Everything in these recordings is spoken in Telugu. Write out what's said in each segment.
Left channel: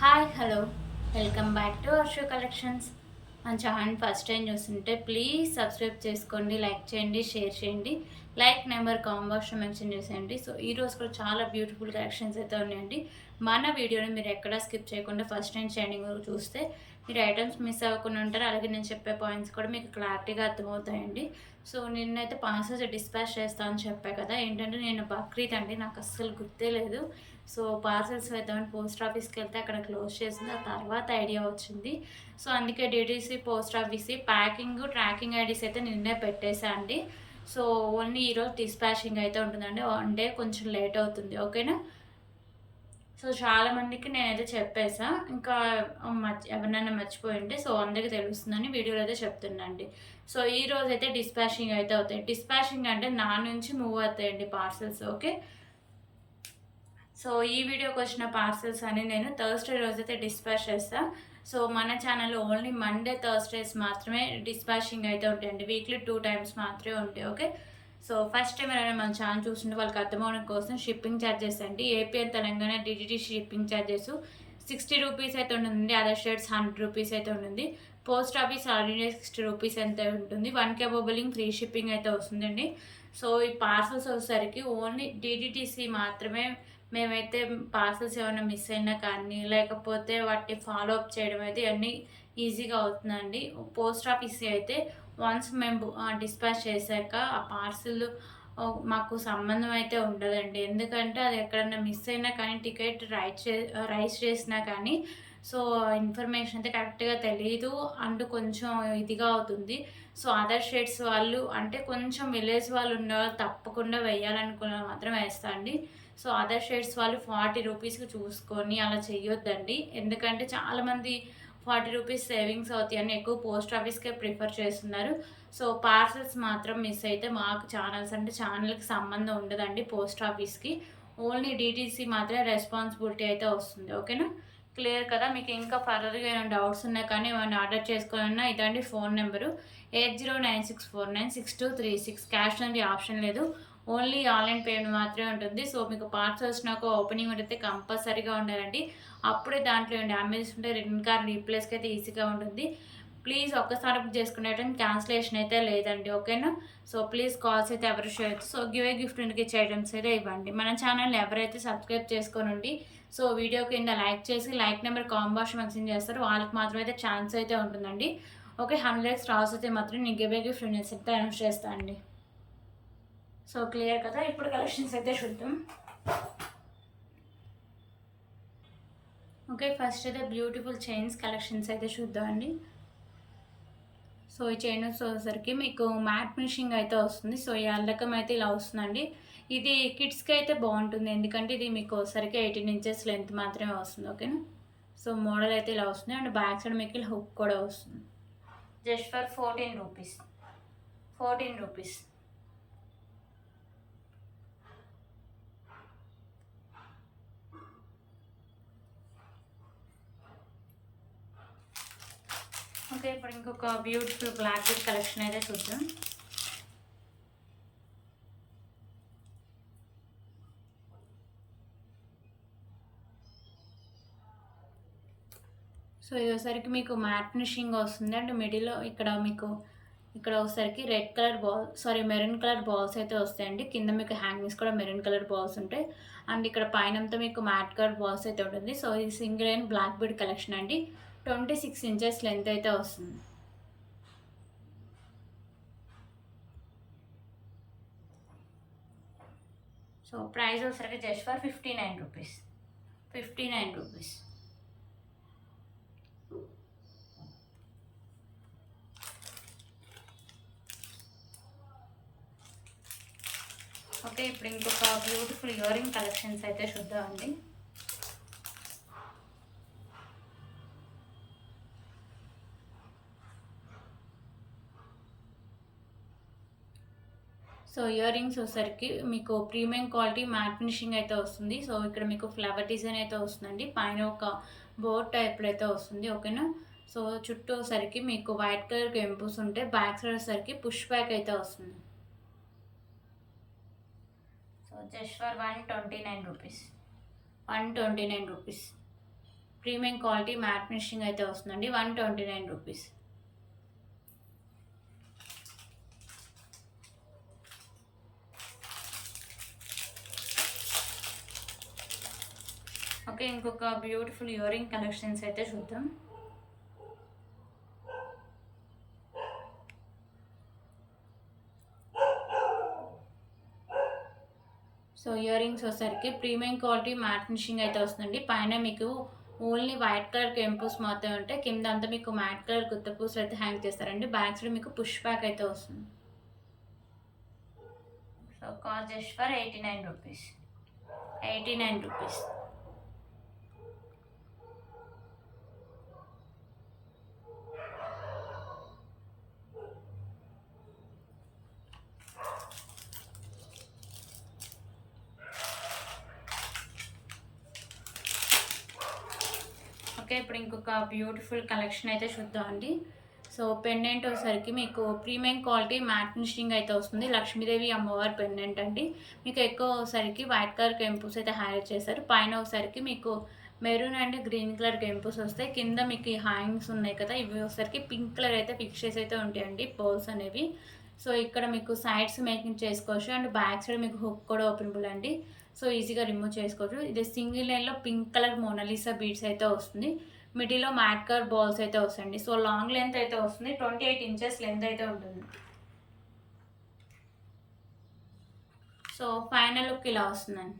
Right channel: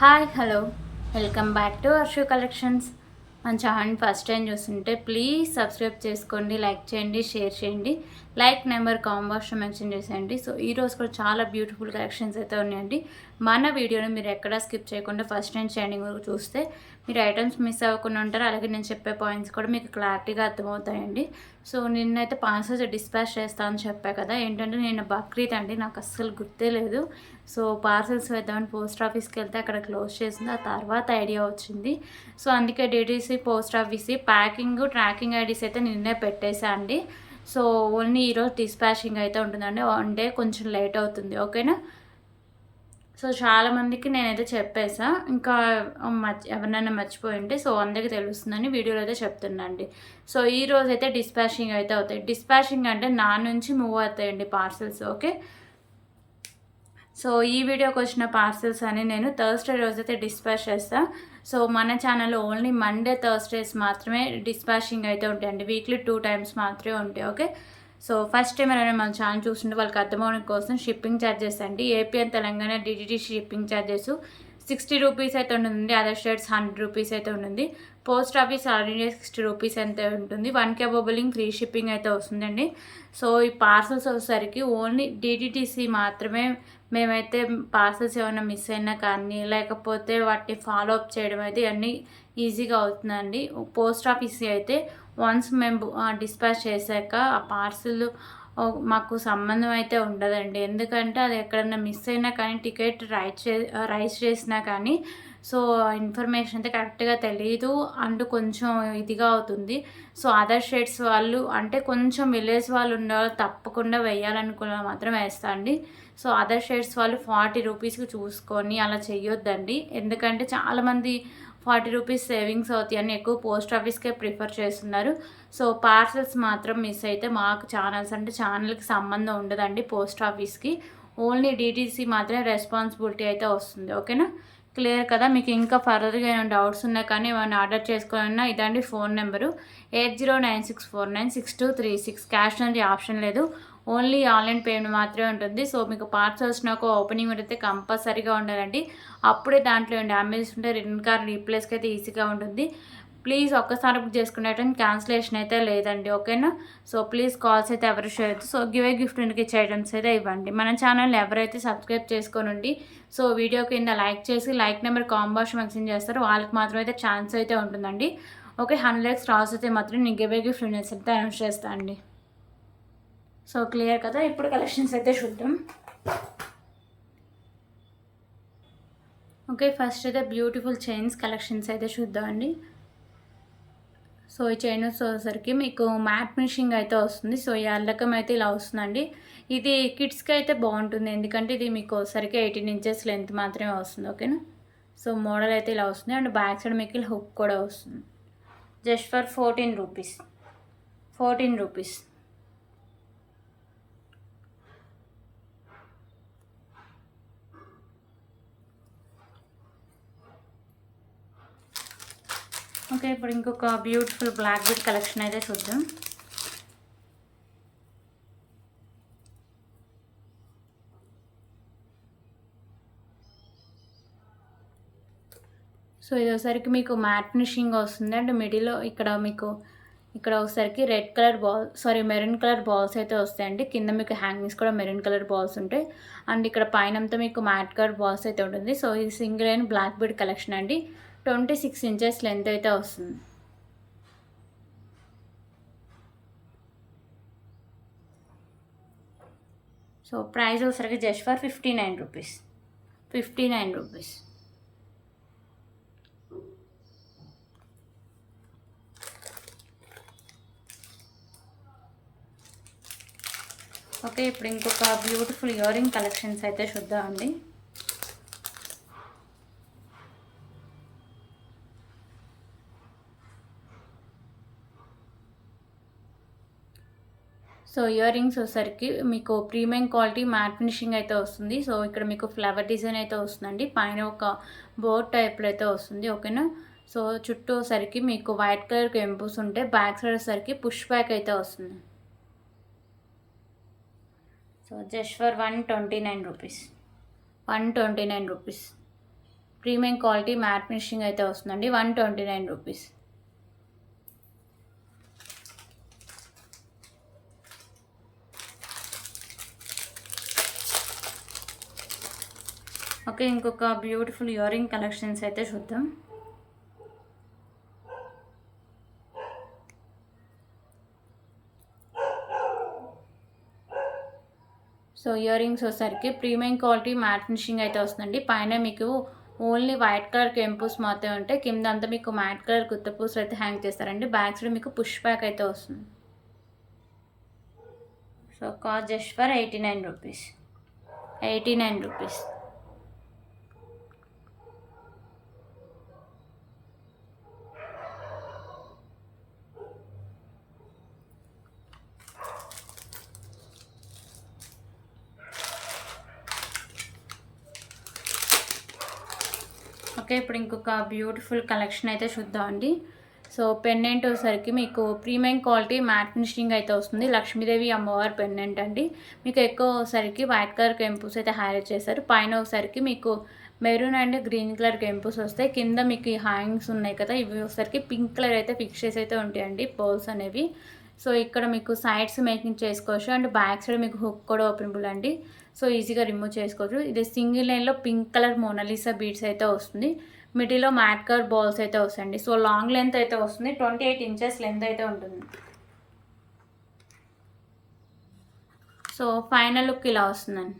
Hi hello welcome back to Varshu collections. మన ఛానల్ ఫస్ట్ టైం చూస్తుంటే ప్లీజ్ సబ్స్క్రైబ్ చేసుకోండి, లైక్ చేయండి, షేర్ చేయండి. లైక్ నెంబర్ కాంబాక్స్లో మెన్షన్ చేసేయండి. సో ఈరోజు కూడా చాలా బ్యూటిఫుల్ కలెక్షన్స్ అయితే ఉన్నాయండి. మన వీడియోని మీరు ఎక్కడా స్కిప్ చేయకుండా ఫస్ట్ టైం స్టాండింగ్ వరకు చూస్తే మీరు ఐటమ్స్ మిస్ అవ్వకుండా ఉంటారు. అలాగే నేను చెప్పే పాయింట్స్ కూడా మీకు క్లారిటీగా అర్థమవుతాయండి. సో నిన్నైతే పార్సల్స్ డిస్పాచ్ చేస్తామని చెప్పా కదా, ఏంటంటే నేను బక్రీద్ అండి, నాకు అస్సలు గుర్తే లేదు. సో పార్సల్స్ వేద్దామని పోస్ట్ ఆఫీస్కి వెళ్తే అక్కడ క్లోజ్ చేసింది. ఆ తర్వాత ఐడియా వచ్చింది. సో అందుకే DTC post office packing tracking IDs అయితే నిన్నే పెట్టేసా అండి. సో ఓన్లీ ఈరోజు డిస్పాచింగ్ అయితే ఉంటుందండి. వన్ డే కొంచెం లేట్ అవుతుంది, ఓకేనా. సో చాలామందికి నేనైతే చెప్పేసా, ఇంకా ఎవరినైనా మర్చిపోయి ఉంటే సో అందరికీ తెలుస్తుందని వీడియోలో అయితే చెప్తున్నాండి. సో ఈ రోజు అయితే డిస్పాచింగ్ అయితే అవుతాయి. డిస్పాచింగ్ అంటే నా నుంచి మూవ్ అవుతాయండి పార్సల్స్, ఓకే. సో ఈ వీడియోకి వచ్చిన పార్సల్స్ అని నేను థర్స్డే రోజైతే డిస్పాచ్ చేస్తాను. సో మన ఛానల్లో ఓన్లీ మండే థర్స్డేస్ మాత్రమే డిస్పాచింగ్ అయితే ఉంటాయండి. వీక్లీ 2 times మాత్రమే ఉంటాయి, ఓకే. సో ఫస్ట్ టైం ఎవరైనా మన ఛానల్ చూస్తుంటే వాళ్ళకి అర్థమవడం కోసం షిప్పింగ్ ఛార్జెస్ అండి. ఏపీ అండ్ తెలంగాణ డిటిటి షిప్పింగ్ ఛార్జెస్ 60 రూపీస్ అయితే ఉంటుంది. అదర్ స్టేట్స్ 100 రూపీస్ అయితే ఉంటుంది. Post office all India 60 rupees అయితే ఉంటుంది. 1K బిల్లింగ్ ఫ్రీ షిప్పింగ్ అయితే వస్తుందండి. సో ఈ పార్సల్స్ వచ్చేసరికి ఓన్లీ డిటిటీసీ మాత్రమే. మేమైతే పార్సల్స్ ఏమైనా మిస్ అయినా కానీ లేకపోతే వాటిని ఫాలో అప్ చేయడం అయితే అన్నీ ఈజీగా అవుతుందండి. పోస్ట్ ఆఫీస్ అయితే వన్స్ మేము డిస్పాచ్ చేశాక ఆ పార్సిల్ మాకు సంబంధం అయితే ఉండదండి. ఎందుకంటే అది ఎక్కడన్నా మిస్ అయినా కానీ టికెట్ రైస్ చేసినా కానీ సో ఇన్ఫర్మేషన్ అయితే కరెక్ట్గా తెలియదు అండ్ కొంచెం ఇదిగా అవుతుంది. సో అదర్ స్టేట్స్ వాళ్ళు అంటే కొంచెం విలేజ్ వాళ్ళు ఉన్న వాళ్ళు తప్పకుండా వేయాలనుకున్న మాత్రం వేస్తా అండి. సో అదర్ స్టేట్స్ వాళ్ళు 40 రూపీస్కి చూసుకొని అలా చేయొద్దండి. ఎందుకంటే చాలామంది 40 రూపీస్ సేవింగ్స్ అవుతాయి అని ఎక్కువ పోస్ట్ ఆఫీస్కే ప్రిఫర్ చేస్తున్నారు. సో పార్సల్స్ మాత్రం మిస్ అయితే మాకు ఛానల్స్ అంటే ఛానల్కి సంబంధం ఉండదండి పోస్ట్ ఆఫీస్కి. ఓన్లీ డిటీసీ మాత్రమే రెస్పాన్సిబిలిటీ అయితే వస్తుంది, ఓకేనా. క్లియర్ కదా. మీకు ఇంకా ఫర్దర్గా ఏమైనా డౌట్స్ ఉన్నా కానీ ఏమైనా ఆర్డర్ చేసుకోవాలన్నా ఇదండి ఫోన్ నెంబరు 8096496236. క్యాష్ అనేది ఆప్షన్ లేదు, ఓన్లీ ఆన్లైన్ పేమెంట్ మాత్రమే ఉంటుంది. సో మీకు పార్సల్స్ నాకు ఓపెనింగ్ అయితే కంపల్సరీగా ఉండాలండి. అప్పుడే దాంట్లో డ్యామేజెస్ ఉంటే రిటర్న్ కార్డ్ రీప్లేస్కి అయితే ఈజీగా ఉంటుంది. ప్లీజ్ ఒక్కసారి బుక్ చేసుకునేటప్పుడు క్యాన్సిలేషన్ అయితే లేదండి, ఓకేనా. సో ప్లీజ్ కాల్స్ అయితే ఎవరు చేయొచ్చు. సో గిఫ్ట్ ఇంటికి ఇచ్చే ఐటమ్స్ అయితే ఇవ్వండి. మన ఛానల్ని ఎవరైతే సబ్స్క్రైబ్ చేసుకోనండి సో వీడియో కింద లైక్ చేసి లైక్ నెంబర్ కాంబాక్స్ మెన్షన్ చేస్తారు, వాళ్ళకి మాత్రం అయితే ఛాన్స్ అయితే ఉంటుందండి, ఓకే. 100 స్టార్స్ అయితే మాత్రం నేను గిఫ్ట్ అయితే అనౌన్స్ చేస్తాను అండి. సో క్లియర్ కదా. ఇప్పుడు కలెక్షన్స్ అయితే చూద్దాం, ఓకే. ఫస్ట్ అయితే బ్యూటిఫుల్ చైన్స్ కలెక్షన్స్ అయితే చూద్దామండి. సో ఈ చైన్ వచ్చేసరికి మీకు మ్యాట్ ఫినిషింగ్ అయితే వస్తుంది. సో ఈ అల్లకం అయితే ఇలా వస్తుందండి. ఇది కిడ్స్కి అయితే బాగుంటుంది, ఎందుకంటే ఇది మీకు సరికి 18 inches లెంత్ మాత్రమే వస్తుంది, ఓకేనా. సో మోడల్ అయితే ఇలా వస్తుంది అండ్ బ్యాక్ సైడ్ మీకు హుక్ కూడా వస్తుంది. Just for 14 rupees. 14 rupees. Okay, ఇప్పుడు ఇంకొక బ్యూటిఫుల్ బ్లాక్ బీడ్ కలెక్షన్ అయితే చూద్దాం. సో ఇది ఒకసారికి మీకు మ్యాట్ ఫినిషింగ్ వస్తుంది అండ్ మిడిల్లో ఇక్కడ ఒకసారికి red colour maroon colour balls అయితే వస్తాయండి. కింద మీకు హ్యాంగింగ్స్ కూడా మెరూన్ కలర్ బాల్స్ ఉంటాయి అండ్ ఇక్కడ పైన అంతా మీకు మ్యాట్ కలర్ బాల్స్ అయితే ఉంటుంది. సో ఇది single and black bead collection అండి. 26 inches లెంత్ అయితే వస్తుంది. సో ప్రైస్ వచ్చేసరికి just for 59 rupees. 59 rupees. Okay, ఇప్పుడు ఇంకొక బ్యూటిఫుల్ ఇయర్ రింగ్ కలెక్షన్స్ అయితే చూద్దామండి. సో ఇయర్ రింగ్స్ వచ్చేసరికి మీకు ప్రీమియం క్వాలిటీ మ్యాట్ ఫినిషింగ్ అయితే వస్తుంది. సో ఇక్కడ మీకు ఫ్లవర్ డిజైన్ అయితే వస్తుందండి, పైన ఒక బోర్డ్ టైప్లో అయితే వస్తుంది, ఓకేనా. సో చుట్టూ వచ్చేసరికి మీకు వైట్ కలర్ కెంపుస్ ఉంటే బ్యాక్ సైడ్ వచ్చేసరికి పుష్ బ్యాక్ అయితే వస్తుంది. So just for 129 rupees. 129 rupees. Premium quality matte finishing అయితే వస్తుందండి. 129 రూపీస్. ఓకే, ఇంకొక బ్యూటిఫుల్ ఇయర్ రింగ్ కలెక్షన్స్ అయితే చూద్దాం. సో ఇయర్ రింగ్స్ వచ్చేసరికి ప్రీమియం క్వాలిటీ మ్యాట్ ఫినిషింగ్ అయితే వస్తుందండి. పైన మీకు ఓన్లీ వైట్ కలర్ కెంపూస్ మాత్రమే ఉంటాయి. కింద అంతా మీకు మ్యాట్ కలర్ గుత్తపూసలు అయితే హ్యాంగ్ చేస్తారండి. బ్యాక్ సైడ్ మీకు పుష్ బ్యాక్ అయితే వస్తుంది. So cost just for 89 rupees. 89 rupees. Okay, ఇప్పుడు ఇంకొక బ్యూటిఫుల్ కలెక్షన్ అయితే చూద్దామండి. సో పెండెంట్ వచ్చేసరికి మీకు ప్రీమియం క్వాలిటీ మ్యాట్ ఫినిషింగ్ అయితే వస్తుంది. లక్ష్మీదేవి అమ్మవారి పెండెంట్ అండి. మీకు ఎక్కువ ఒకసారికి వైట్ కలర్ కెంపూస్ అయితే హైలైట్ చేస్తారు. పైన ఒకసారికి మీకు మెరూన్ అండ్ గ్రీన్ కలర్ కెంపూస్ వస్తాయి. కింద మీకు హ్యాంగ్స్ ఉన్నాయి కదా, ఇవి ఒకసారికి పింక్ కలర్ అయితే ఫిక్స్ అయితే ఉంటాయండి పర్ల్స్ అనేవి. సో ఇక్కడ మీకు సైడ్స్ మేకింగ్ చేసుకోవచ్చు అండ్ బ్యాక్ సైడ్ మీకు హుక్ కూడా ఓపెనబుల్ అండి. సో ఈజీగా రిమూవ్ చేసుకోవచ్చు. ఇది సింగిల్ లైన్లో పింక్ కలర్ మోనాలిసా బీడ్స్ అయితే వస్తుంది. మిడిల్లో మ్యాట్ కలర్ బాల్స్ అయితే వస్తాయండి. సో లాంగ్ లెంత్ అయితే వస్తుంది. 28 ఇంచెస్ లెంత్ అయితే ఉంటుంది. సో ఫైనల్ లుక్ ఇలా వస్తుందండి.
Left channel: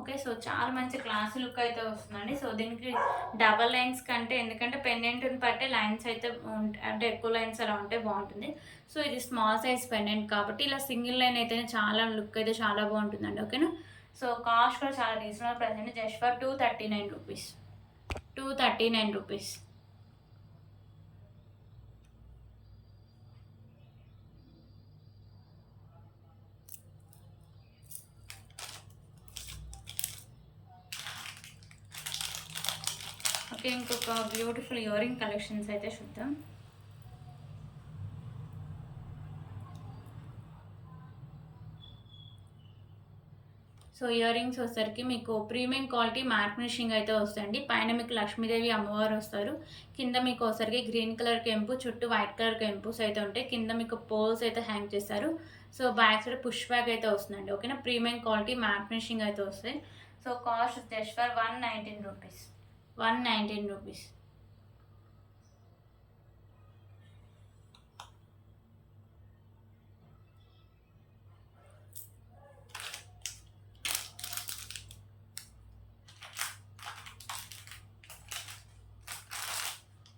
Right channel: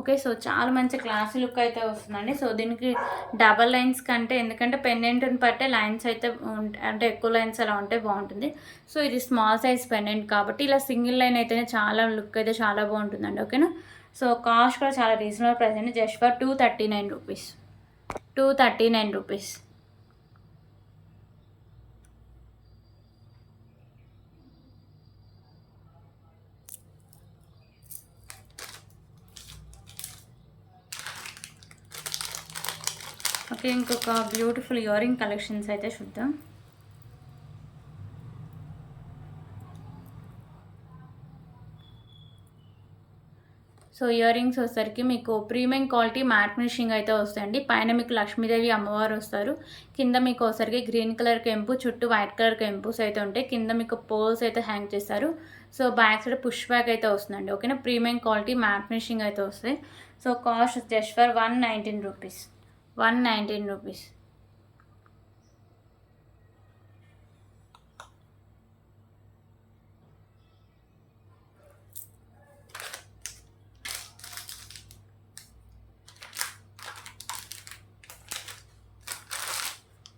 ఓకే, సో చాలా మంచి క్లాసీ లుక్ అయితే వస్తుందండి. సో దీనికి డబల్ లైన్స్ కంటే, ఎందుకంటే పెండెంట్ని బట్టే లైన్స్ అయితే అంటే ఎక్కువ లైన్స్ అలా ఉంటే బాగుంటుంది. సో ఇది స్మాల్ సైజ్ పెండెంట్ కాబట్టి ఇలా సింగిల్ లైన్ అయితేనే చాలా లుక్ అయితే చాలా బాగుంటుందండి. ఓకేనా. సో కాస్ట్ కూడా చాలా రీజనబుల్ ప్రైస్ అండి. Just for 239 rupees. 239 rupees. Okay, ఇంకొక బ్యూటిఫుల్ ఇయర్ రింగ్ కలెక్షన్స్ అయితే చూద్దాం. సో ఇయర్ రింగ్స్ వచ్చేసరికి మీకు ప్రీమియం క్వాలిటీ మ్యాట్ ఫినిషింగ్ అయితే వస్తాయండి. పైన మీకు లక్ష్మీదేవి అమ్మవారు వస్తారు. కింద మీకు వచ్చేసరికి గ్రీన్ కలర్ కెంపు, చుట్టూ వైట్ కలర్ కెంపుస్ అయితే ఉంటాయి. కింద మీకు పోల్స్ అయితే హ్యాంగ్ చేస్తారు. So back side push back అయితే వస్తుందండి. ఓకేనా. ప్రీమియం క్వాలిటీ మ్యాట్ ఫినిషింగ్ అయితే వస్తాయి. So cost just for 119 rupees. 119 rupees.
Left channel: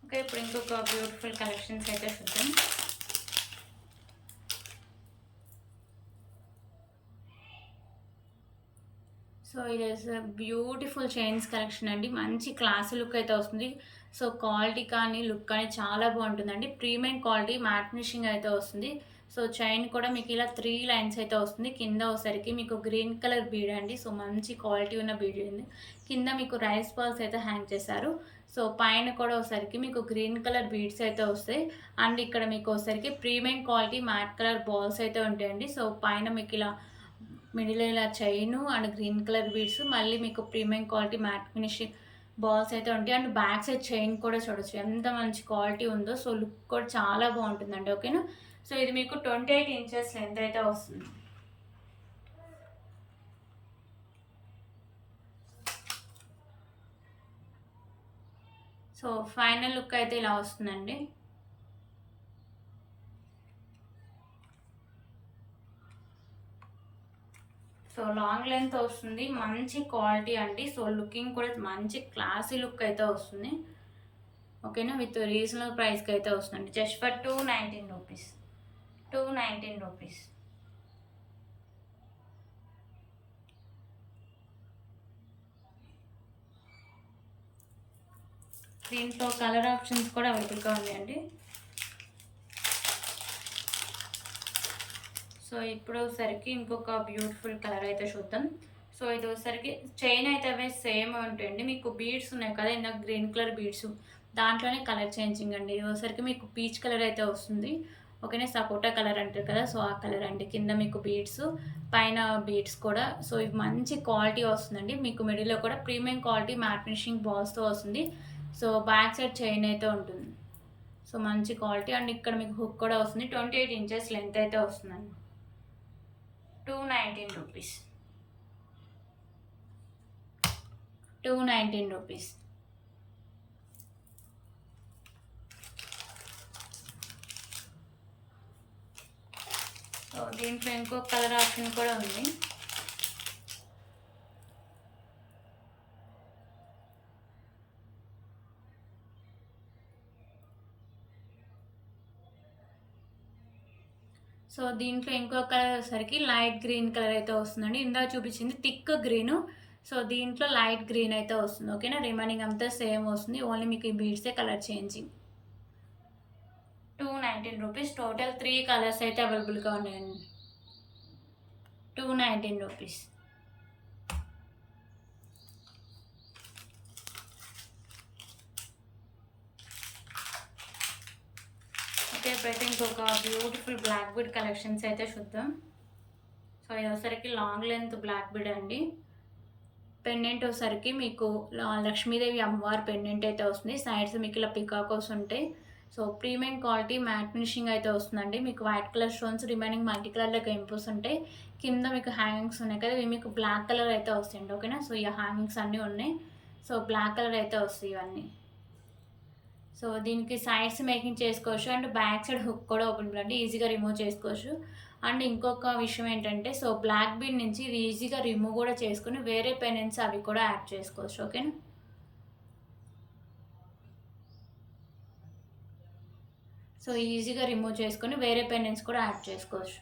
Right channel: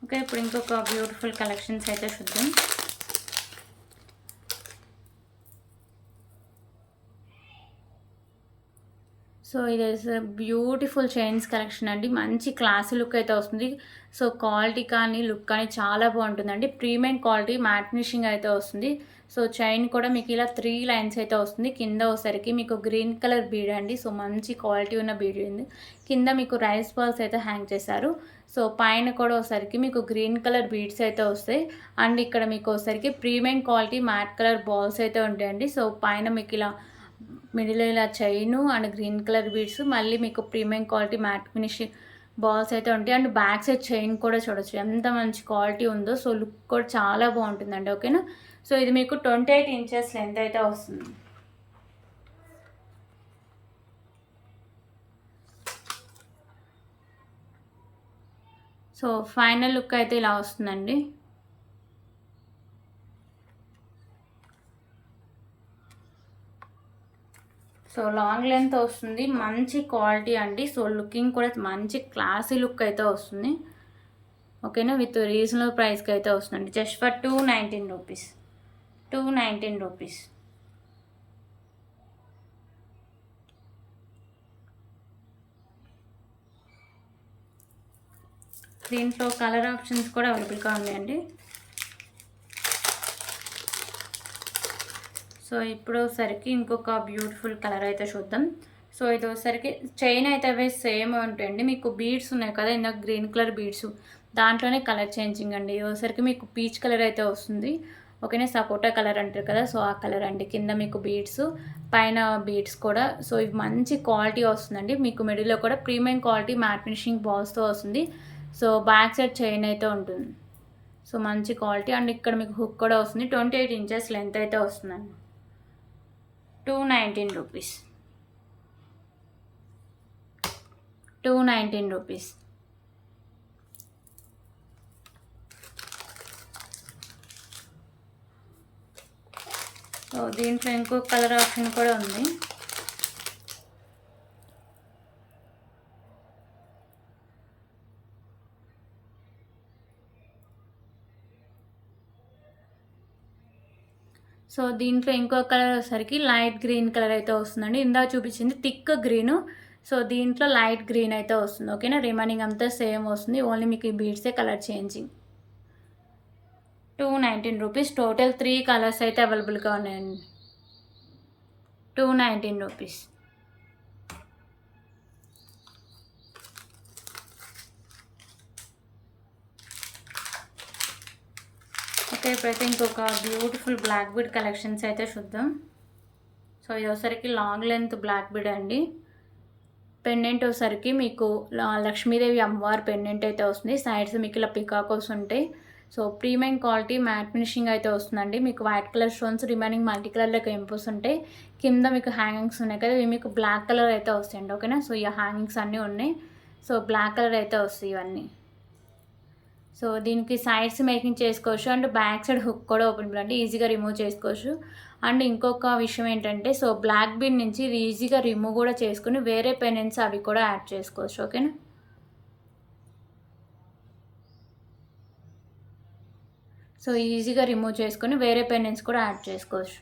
Okay, ఇప్పుడు ఇంకొక బ్యూటిఫుల్ కలెక్షన్స్ అయితే చూద్దాం. సో ఇది బ్యూటిఫుల్ చైన్స్ కలెక్షన్ అండి. మంచి క్లాసీ లుక్ అయితే వస్తుంది. సో క్వాలిటీ కానీ లుక్ కానీ చాలా బాగుంటుందండి. ప్రీమియం క్వాలిటీ మ్యాట్ ఫినిషింగ్ అయితే వస్తుంది. సో చైన్ కూడా మీకు ఇలా 3 లైన్స్ అయితే వస్తుంది. కింద వచ్చేసరికి మీకు గ్రీన్ కలర్ బీడ్ అండి. సో మంచి క్వాలిటీ ఉన్న బీడ్ ఉంది. కింద మీకు రైస్ బాల్స్ అయితే హ్యాంగ్ చేశారు. సో పైన కూడా ఒకసారికి మీకు గ్రీన్ కలర్ బీడ్స్ అయితే వస్తాయి. అండ్ ఇక్కడ మీకు ఒకసారికి premium quality matte colour balls అయితే ఉంటాయండి. సో పైన మీకు ఇలా మిడిల్ ఇలా chain and green colour beads, మళ్ళీ మీకు premium quality matte finishing balls అయితే ఉంటాయి. అండ్ బ్యాక్ సైడ్ చైన్ కూడా చూడొచ్చు ఎంత మంచి క్వాలిటీ ఉందో. సో లుక్ కూడా చాలా బాగుంటుందండి. ఓకేనా. సో ఇది మీకు 28 ఇంచెస్ లెంత్ అయితే వస్తుంది. సో ఫైనల్ లుక్ అయితే ఇలా వస్తుందండి. సో లాంగ్ లెంత్ వస్తుంది, మంచి క్వాలిటీ అండి. సో లుకింగ్ కూడా మంచి క్లాసీ లుక్ అయితే వస్తుంది. ఓకేనా. విత్ రీజనబుల్ ప్రైస్కి అయితే వస్తుందండి. Just for 219 rupees. 219 రూపీస్. దీంట్లో కలర్ ఆప్షన్స్ కూడా అవైలబుల్గా ఉన్నాయండి. సో ఇప్పుడు సరికి ఇంకొక బ్యూటిఫుల్ కలర్ అయితే చూద్దాం. సో ఇది వచ్చేసరికి చైన్ అయితే అవి సేమ్ ఉంటాయండి. మీకు బీడ్స్ ఉన్నాయి కదా, ఇందాక గ్రీన్ కలర్ బీడ్స్, దాంట్లోనే కలర్ చేంజింగ్ అండి. ఇది వచ్చేసరికి మీకు పీచ్ కలర్ అయితే వస్తుంది. ఓకేనా. సపోటా కలర్ అంటారు కదా, సో ఆ కలర్ అండి. కింద మీకు బీడ్స్, పైన బీడ్స్ కూడా. సో ఇవి మంచి క్వాలిటీ వస్తుందండి. మీకు మిడిల్లో కూడా ప్రీమియం క్వాలిటీ మ్యాట్ ఫినిషింగ్ బాల్స్తో వస్తుంది. సో బ్యాక్ సైడ్ చైన్ అయితే ఉంటుంది. సో మంచి క్వాలిటీ. అండ్ ఇక్కడ మీకు హుక్ కూడా వస్తుంది. 28 ఇంచెస్ లెంత్ అయితే వస్తుందండి. 219 రూపీస్. 219 రూపీస్. సో దీంట్లో ఇంకొక కలర్ ఆప్షన్ కూడా ఉంది. సో దీంట్లో ఇంకో కలర్ వచ్చేసరికి లైట్ గ్రీన్ కలర్ అయితే వస్తుందండి. ఇందాక చూపించింది థిక్ గ్రీను. సో దీంట్లో లైట్ గ్రీన్ అయితే వస్తుంది. ఓకేనా. రిమైనింగ్ అంతా సేమ్ వస్తుంది. ఓన్లీ మీకు ఈ బీడ్సే colour changing. 219 rupees. Total 3 colours అయితే అవైలబుల్గా ఉన్నాయండి. 219 రూపీస్. ఓకే, ఇప్పుడైతే ఇంకొక బ్యూటిఫుల్ బ్లాక్ బీడ్ కలెక్షన్స్ అయితే చూద్దాం. సో ఇది వచ్చరికి లాంగ్ లెంత్ బ్లాక్ బీడ్ అండి. పెండెంట్ వచ్చరికి మీకు లక్ష్మీదేవి అమ్మవారి పెండెంట్ అయితే వస్తుంది. సైడ్స్ మీకు ఇలా పికాకోస్ ఉంటాయి. So premium quality matte finishing అయితే వస్తుందండి. మీకు white colour stones, remaining multi కలర్లో కెంపుస్ ఉంటాయి. కింద మీకు హ్యాంగింగ్స్ ఉన్నాయి కదా, ఇవి మీకు బ్లాక్ కలర్ అయితే వస్తాయండి. ఓకేనా. సో ఈ హ్యాంగింగ్స్ అన్నీ ఉన్నాయి. సో బ్లాక్ కలర్ అయితే వస్తాయి ఇవన్నీ. సో దీనికి సైడ్స్ మేకింగ్ చేసుకోవచ్చు. అండ్ బ్యాక్ సైడ్ హుక్ కూడా ఓపెన్ అండి, ఈజీగా రిమూవ్ చేసుకోవచ్చు. అండ్ ఇంకొక విషయం ఏంటంటే, సో బ్లాక్ బీడ్ నుంచి ఈజీగా రిమూవ్ కూడా చేసుకుని వేరే పెండెంట్స్ అవి కూడా యాడ్ చేసుకోవచ్చు. ఓకేనా. సో ఈజీగా రిమూవ్ చేసుకొని వేరే పెండెంట్స్ కూడా యాడ్ చేసుకోవచ్చు.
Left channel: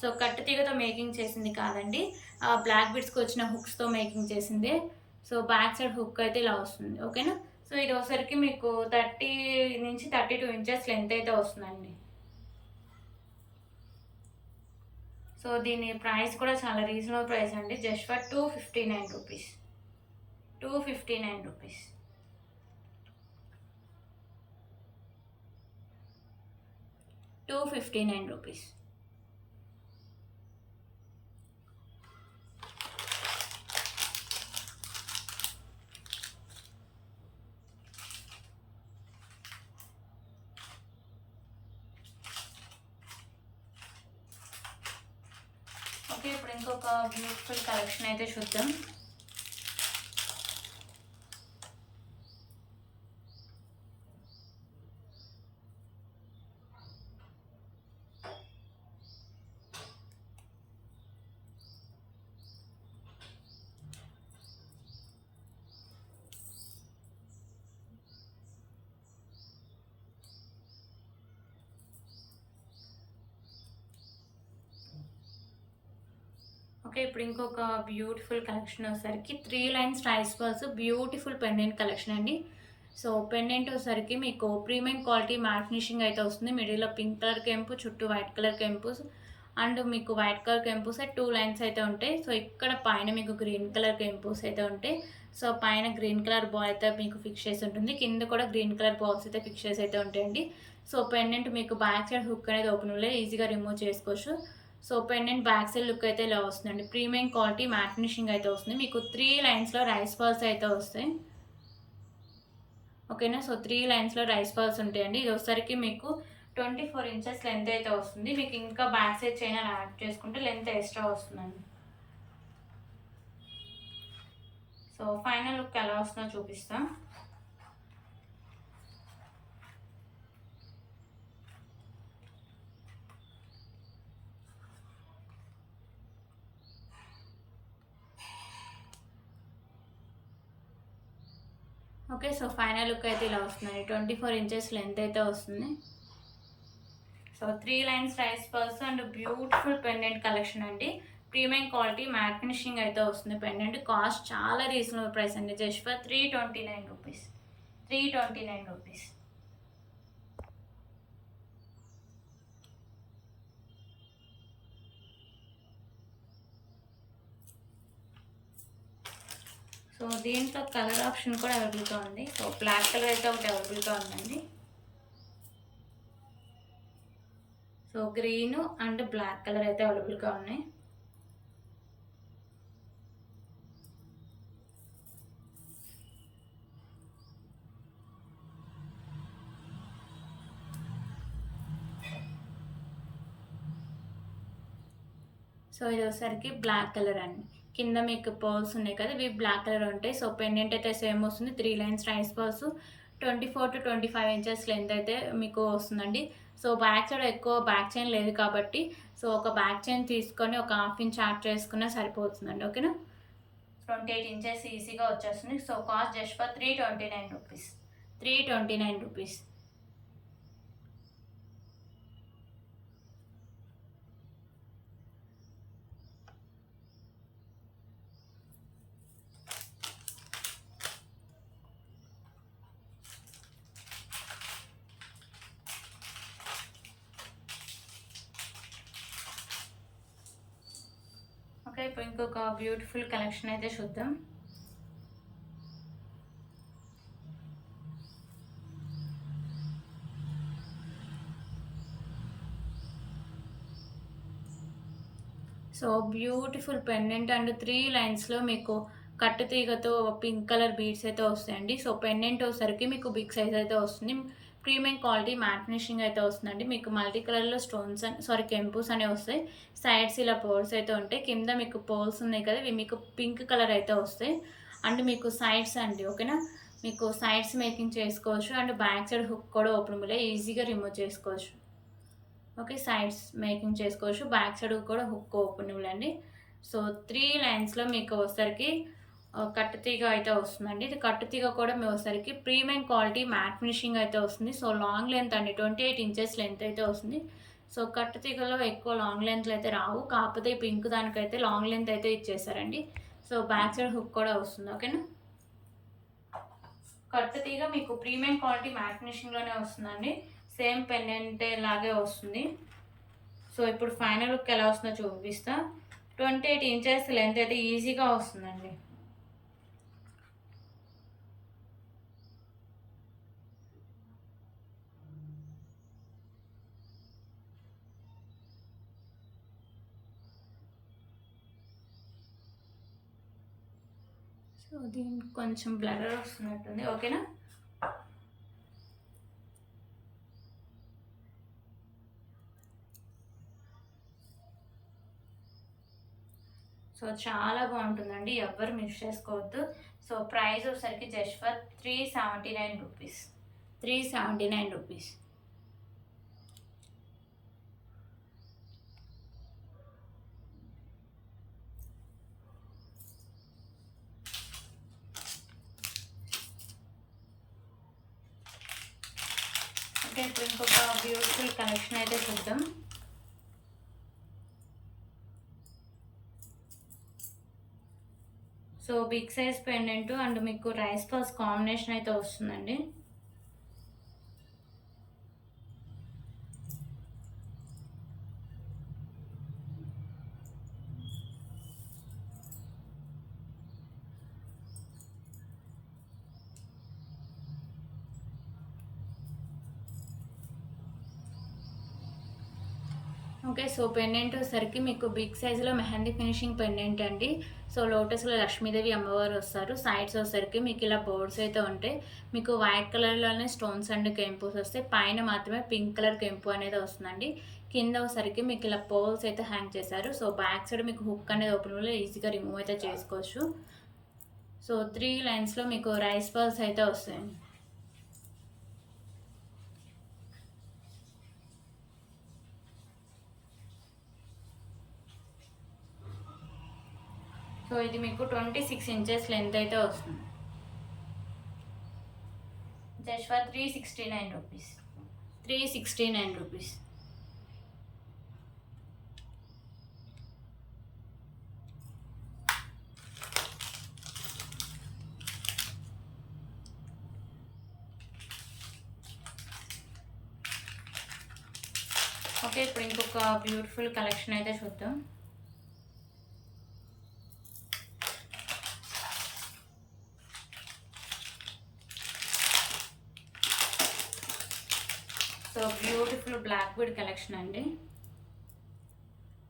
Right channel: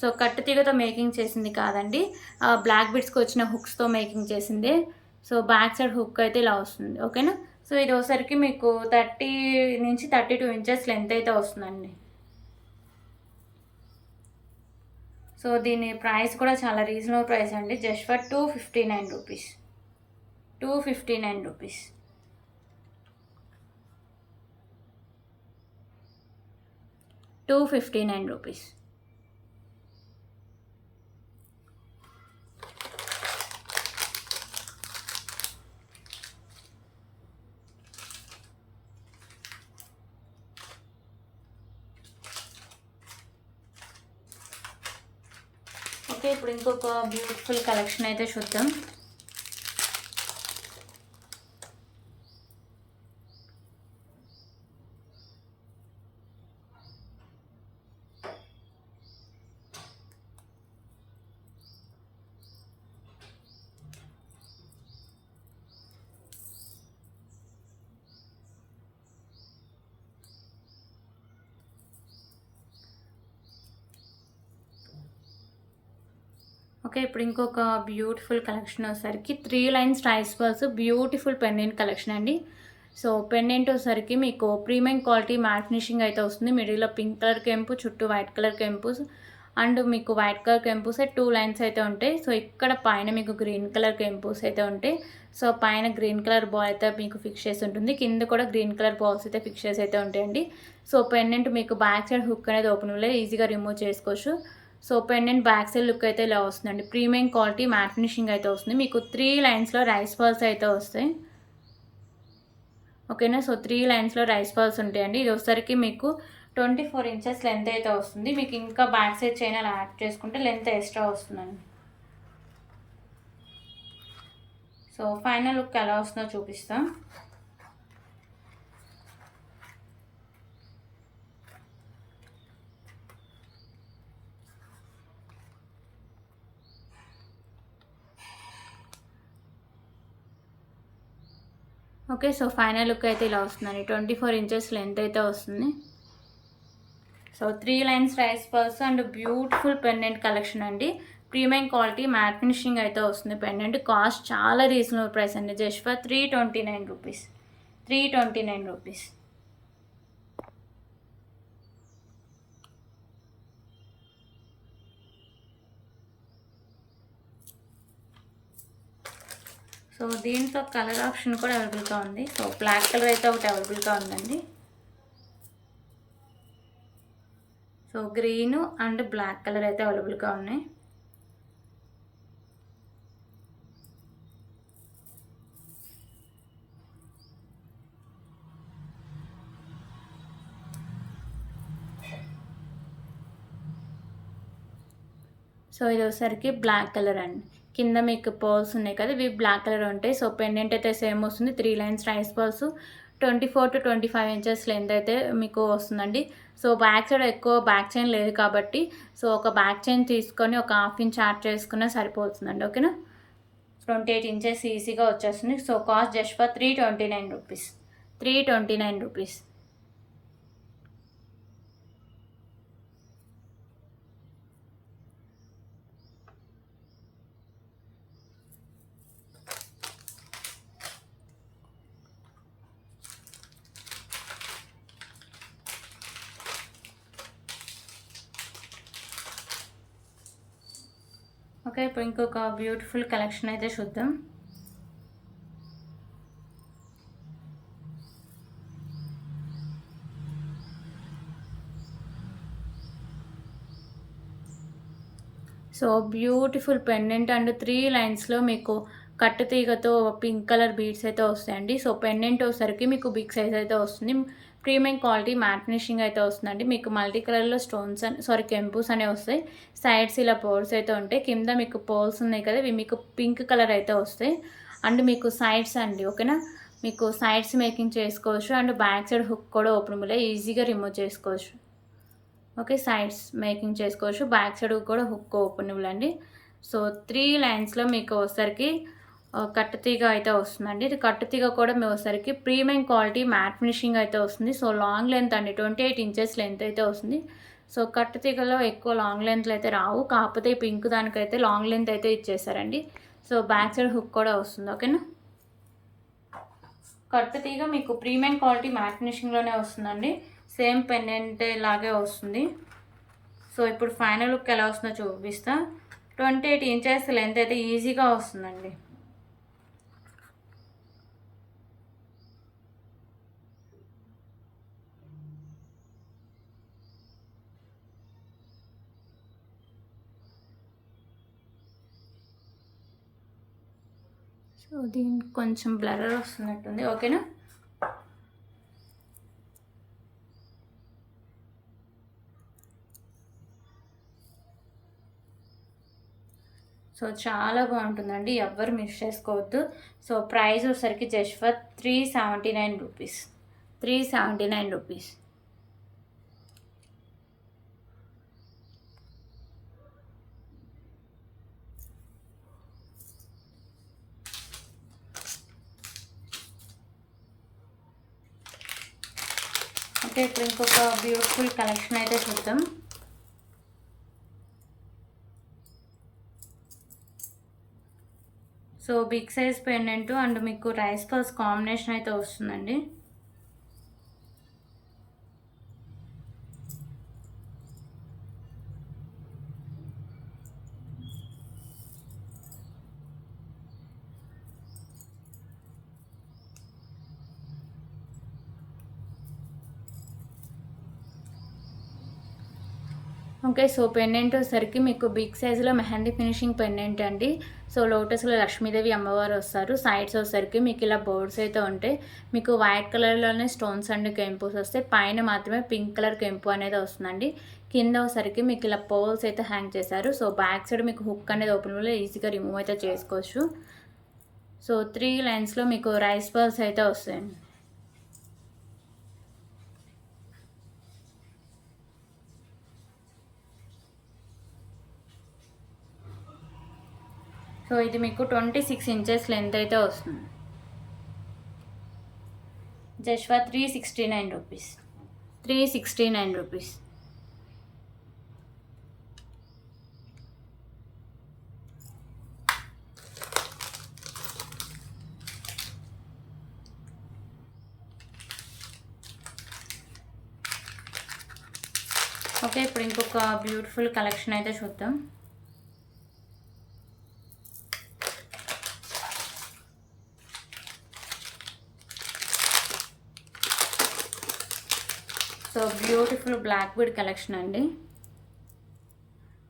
సో కట్టు తీగతో మేకింగ్ చేసింది కాదండి, బ్లాక్ బీడ్స్కి వచ్చిన హుక్స్తో మేకింగ్ చేసింది. సో బ్యాక్ సైడ్ హుక్ అయితే ఇలా వస్తుంది. ఓకేనా. సో ఇది ఒకసారికి మీకు 30 నుంచి 32 ఇంచెస్ లెంత్ అయితే వస్తుందండి. సో దీని ప్రైస్ కూడా చాలా రీజనబుల్ ప్రైస్ అండి. Just for 259 rupees. 259 rupees. 259 rupees. Okay, ఇప్పుడు ఇంకొక బ్యూటిఫుల్ కలెక్షన్ అయితే చూద్దాం. ఓకే, ఇప్పుడు ఇంకొక బ్యూటిఫుల్ కలెక్షన్ వచ్చేసరికి 3 lines rice balls beautiful pendant collection అండి. సో పెండెంట్ వచ్చేసరికి మీకు ప్రీమియం క్వాలిటీ మ్యాట్ ఫినిషింగ్ అయితే వస్తుంది. మిడిల్లో పింక్ కలర్ కెంపు, చుట్టూ వైట్ కలర్ కెంపుస్. అండ్ మీకు వైట్ కలర్ కెంపుస్ 2 లైన్స్ అయితే ఉంటాయి. సో ఇక్కడ పైన మీకు గ్రీన్ కలర్ కెంపుస్ అయితే ఉంటాయి. సో పైన గ్రీన్ కలర్ బాల్ అయితే మీకు ఫిక్స్ చేసి ఉంటుంది. కింద కూడా గ్రీన్ కలర్ బాల్స్ అయితే ఫిక్స్ చేసి అయితే ఉంటాయండి. సో పెండెంట్ మీకు బ్యాక్ సైడ్ హుక్ అనేది ఓపెన్ ఈజీగా రిమూవ్ చేసుకోవచ్చు. So pendant back side look అయితే ఇలా వస్తుందండి. ప్రీమియం క్వాలిటీ మ్యాట్ ఫినిషింగ్ అయితే వస్తుంది. మీకు 3 లైన్స్లో రైస్ బాల్స్ అయితే వస్తాయి. ఓకేనా. సో 3 లైన్స్లో రైస్ బాల్స్ ఉంటాయండి. ఇది వచ్చేసరికి మీకు 24 ఇంచెస్ లెంత్ అయితే వస్తుంది. మీకు ఇంకా బ్యాక్ సైడ్ చైన్ అలా యాడ్ చేసుకుంటే లెంత్ ఎక్స్ట్రా వస్తుందండి. సో ఫైనల్ లుక్ ఎలా వస్తుందో చూపిస్తాం. ఓకే, సో ఫైనల్ లుక్ అయితే ఇలా వస్తుందండి. 24 ఇంచెస్ లెంత్ అయితే వస్తుంది. So 3 lines rice purse and beautiful pendant collection అండి. ప్రీమియం క్వాలిటీ మ్యాట్ ఫినిషింగ్ అయితే వస్తుంది. పెండెంట్ కాస్ట్ చాలా రీజనబుల్ ప్రైస్ అండి. Just for 329 rupees. 329 rupees. So దీంట్లో కలర్ ఆప్షన్ కూడా అవైలబుల్గా ఉంది. సో బ్లాక్ కలర్ అయితే ఒకటి అవైలబుల్గా ఉందండి. గ్రీన్ అండ్ బ్లాక్ కలర్ అయితే అవైలబుల్గా ఉన్నాయి. సో ఇది వచ్చేసరికి బ్లాక్ కలర్ అండి. కింద మీకు పర్ల్స్ ఉన్నాయి కదా, ఇవి బ్లాక్ కలర్ ఉంటాయి. సో పెండెంట్ అయితే సేమ్ వస్తుంది, 3 lines rice pearls, 24 to 25 inches length అయితే మీకు వస్తుందండి. సో బ్యాక్ సైడ్ ఎక్కువ బ్యాక్ చైన్ లేదు కాబట్టి, సో ఒక బ్యాక్ చైన్ తీసుకొని ఒక ½ ఇంచ్ యాడ్ చేసుకున్నా సరిపోతుందండి. ఓకేనా, 28 ఇంచెస్ ఈజీగా వచ్చేస్తుంది. So cost just for 329 rupees, 329 rupees. Okay, ఇప్పుడు ఇంకొక బ్యూటిఫుల్ కలెక్షన్ అయితే చూద్దాం. సో బ్యూటిఫుల్ పెండెంట్ అండ్ 3 లైన్స్లో మీకు కట్టు తీగతో పింక్ కలర్ బీడ్స్ అయితే వస్తాయండి. సో పెండెంట్ వచ్చేసరికి మీకు బిగ్ సైజ్ అయితే వస్తుంది. ప్రీమియం క్వాలిటీ మ్యాట్ ఫినిషింగ్ అయితే వస్తుందండి. మీకు మల్టీ కలర్లో స్టోన్స్ కెంపుస్ అనేవి వస్తాయి. సైడ్స్ ఇలా పోల్స్ అయితే ఉంటాయి. కింద మీకు పోల్స్ ఉన్నాయి కదా, ఇవి మీకు పింక్ కలర్ అయితే వస్తాయి. అండ్ మీకు సైడ్స్ అండి, ఓకేనా, మీకు సైడ్స్ మేకింగ్ చేసుకోవచ్చు. అండ్ బ్యాక్ సైడ్ హుక్ కూడా ఓపెనబుల్, ఈజీగా రిమూవ్ చేసుకోవచ్చు. ఓకే, సైడ్స్ మేకింగ్ చేసుకోవచ్చు, బ్యాక్ సైడ్ కూడా హుక్ ఓపెనబుల్ అండి. సో 3 లైన్స్లో మీకు వచ్చేసరికి కట్టుతీగ అయితే వస్తుందండి. ఇది కట్టుతీగ కూడా మేము వచ్చేసరికి ప్రీమియం క్వాలిటీ మ్యాట్ ఫినిషింగ్ అయితే వస్తుంది. సో లాంగ్ లెంత్ అండి, 28 ఇంచెస్ లెంత్ అయితే వస్తుంది. సో కట్టుతీగలో ఎక్కువ లాంగ్ లెంత్లు అయితే రావు, కాకపోతే ఈ పింక్ దానికైతే లాంగ్ లెంత్ అయితే ఇచ్చేసారండి. సో బ్యాక్ సైడ్ హుక్ కూడా వస్తుంది. ఓకేనా, కట్టుతీగ మీకు ప్రీమియం క్వాలిటీ మ్యాట్ ఫినిషింగ్లోనే వస్తుందండి. సేమ్ పెండెంట్ లాగే వస్తుంది. సో ఇప్పుడు ఫైనల్ లుక్ ఎలా వస్తుందో చూపిస్తా. 28 ఇంచెస్ లెంత్ అయితే ఈజీగా వస్తుందండి. సో దీనికి కొంచెం బ్లర్ వస్తున్నట్టుంది. ఓకేనా, సో చాలా బాగుంటుందండి, ఎవ్వరు మిస్ చేసుకోవద్దు. సో ప్రైస్ వచ్చేసరికి just for 379 rupees, 379 rupees. Okay, ఇప్పుడు ఇంకొక బ్యూటిఫుల్ కలెక్షన్ అయితే చూద్దాం. So big size pendant and మీకు రైస్ పర్స్ కాంబినేషన్ అయితే వస్తుందండి. ఓకే, సో పెండెంట్ వచ్చేసరికి మీకు బిగ్ సైజులో మెహందీ ఫినిషింగ్ పెండెంట్ అండి. సో లోటస్లో లక్ష్మీదేవి అమ్మవారు వస్తారు. సైడ్స్ వచ్చేసరికి మీకు ఇలా బోర్డ్స్ అయితే ఉంటాయి. మీకు వైట్ కలర్లోనే స్టోన్స్ అండ్ కెంపుస్ వస్తాయి. పైన మాత్రమే పింక్ కలర్ కెంపు అనేది వస్తుందండి. కింద వచ్చేసరికి మీకు ఇలా పోల్స్ అయితే హ్యాంగ్ చేశారు. సో బ్యాక్ సైడ్ మీకు హుక్ అనేది ఓపెన్లో ఈజీగా రిమూవ్ అయితే చేసుకోవచ్చు. సో 3 లైన్స్లో మీకు రైస్ పర్ల్స్ అయితే వస్తాయండి. సో ఇది మీకు 26 ఇంచెస్ లెంత్ అయితే వస్తుంది. Just for 369 rupees, 369 rupees. Okay, ఇప్పుడు ఇంకొక బ్యూటిఫుల్ కలెక్షన్ అయితే చూద్దాం. So beautiful black bead collection అండి.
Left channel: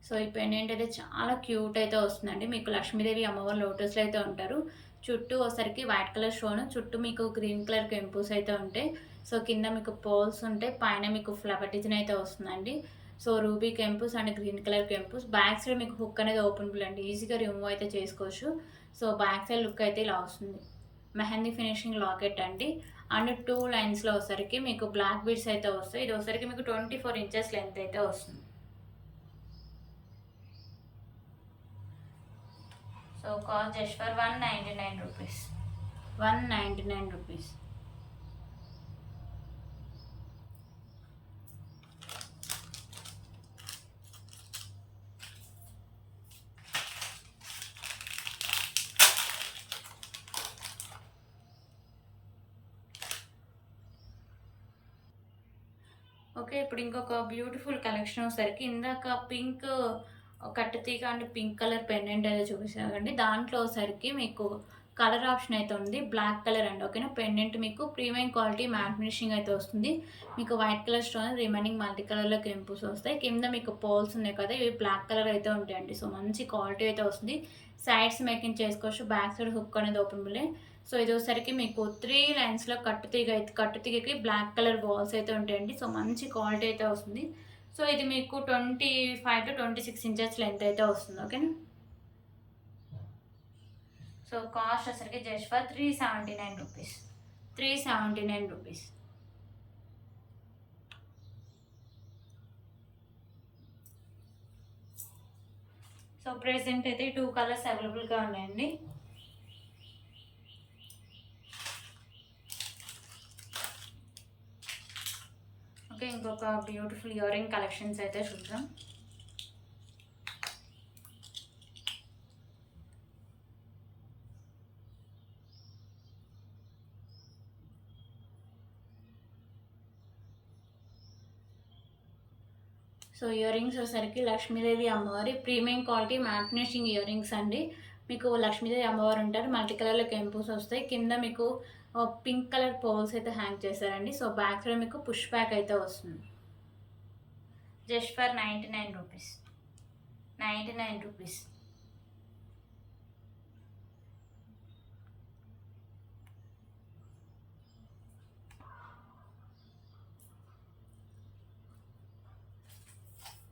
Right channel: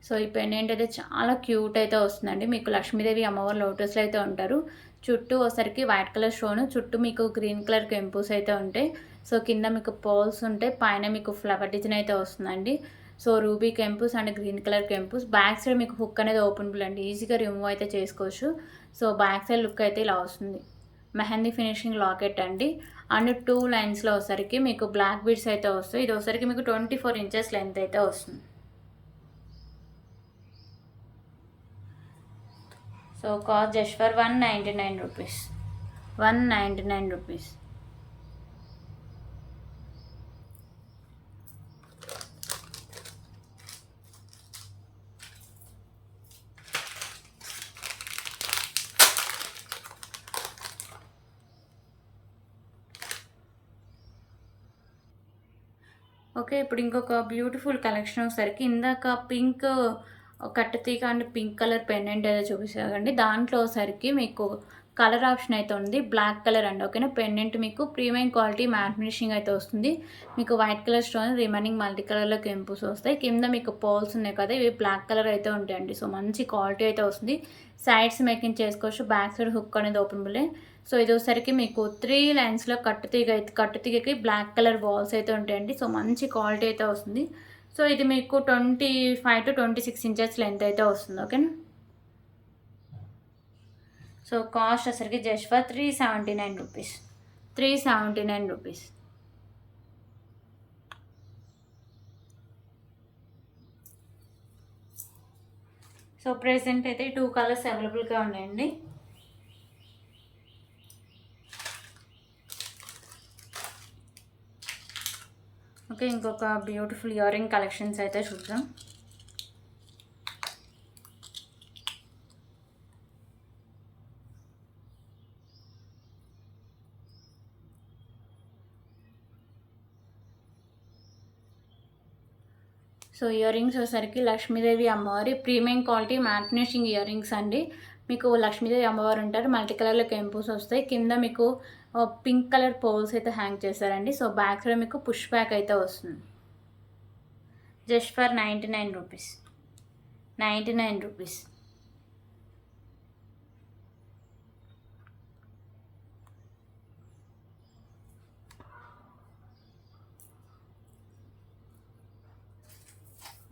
సో ఈ పెండెంట్ అయితే చాలా క్యూట్ అయితే వస్తుందండి. మీకు లక్ష్మీదేవి అమ్మవారు లోటస్లో అయితే ఉంటారు. చుట్టూ ఒకసారికి వైట్ కలర్ స్టోన్, చుట్టూ మీకు గ్రీన్ కలర్ కెంపుస్ అయితే ఉంటాయి. సో కింద మీకు పోల్స్ ఉంటాయి, పైన మీకు ఫ్లవర్ డిజైన్ అయితే వస్తుందండి. సో రూబీ కెంపుస్ అండ్ గ్రీన్ కలర్ కెంపుస్. బ్యాక్ సైడ్ మీకు హుక్ అనేది ఓపెనబుల్ అండి, ఈజీగా రిమూవ్ అయితే చేసుకోవచ్చు. సో బ్యాక్ సైడ్ లుక్ అయితే ఇలా వస్తుంది. మెహందీ ఫినిషింగ్ లాకెట్ అండి. అండ్ 2 లైన్స్లో వచ్చరికి మీకు బ్లాక్ బీడ్స్ అయితే వస్తాయి. ఇది వచ్చరికి మీకు 24 ఇంచెస్ లెంత్ అయితే వస్తుంది. So cost just for 199 rupees. 199 rupees. Okay, ఇప్పుడు ఇంకొక బ్యూటిఫుల్ కలెక్షన్ వచ్చేసరికి ఇందాక పింక్ కట్టుతీగ అండ్ పింక్ కలర్ పెండెంట్ అయితే చూపిస్తారండి. దాంట్లో వచ్చరికి మీకు కలర్ ఆప్షన్ అయితే ఉంది, బ్లాక్ కలర్ అండి. ఓకేనా, పెండెంట్ మీకు ప్రీమియం క్వాలిటీ మ్యాట్ ఫినిషింగ్ అయితే వస్తుంది. మీకు white colour stone, remaining multi కలర్లో కెంపుస్ వస్తాయి. కింద మీకు పోల్స్ ఉన్నాయి కదా, ఇవి బ్లాక్ కలర్ అయితే ఉంటాయండి. సో మంచి క్వాలిటీ అయితే వస్తుంది. సైడ్స్ మేకింగ్ చేసుకోవచ్చు. బ్యాక్ సైడ్ హుక్ అనేది ఓపెనబుల్. సో ఇది వచ్చరికి మీకు 3 లైన్స్లో కట్టుతీగకి బ్లాక్ కలర్ బాల్స్ అయితే ఉంటాయండి. సో మంచి క్వాలిటీ అయితే వస్తుంది. సో ఇది మీకు 25 to 26 ఇంచెస్ లెంత్ అయితే వస్తుంది. ఓకేనా, సో కాస్ట్ వచ్చరికి just for 379 rupees. 379 rupees. So present అయితే 2 కలర్స్ అవైలబుల్గా ఉన్నాయండి. ఓకే, ఇంకొక బ్యూటిఫుల్ ఇయర్ రింగ్ కలెక్షన్స్ అయితే చూద్దాం. సో ఇయర్ రింగ్స్ వచ్చేసరికి లక్ష్మీదేవి అమ్మవారి premium quality matte finishing earrings అండి. మీకు లక్ష్మీదేవి అమ్మవారు ఉంటారు, మల్టీ కలర్లో కెంపుస్ వస్తాయి. కింద మీకు పింక్ కలర్ పోల్స్ అయితే హ్యాంగ్ చేశారండి. సో బ్యాక్ సైడ్ మీకు పుష్ బ్యాక్ అయితే వస్తుంది. Just for 99 rupees. 99 rupees.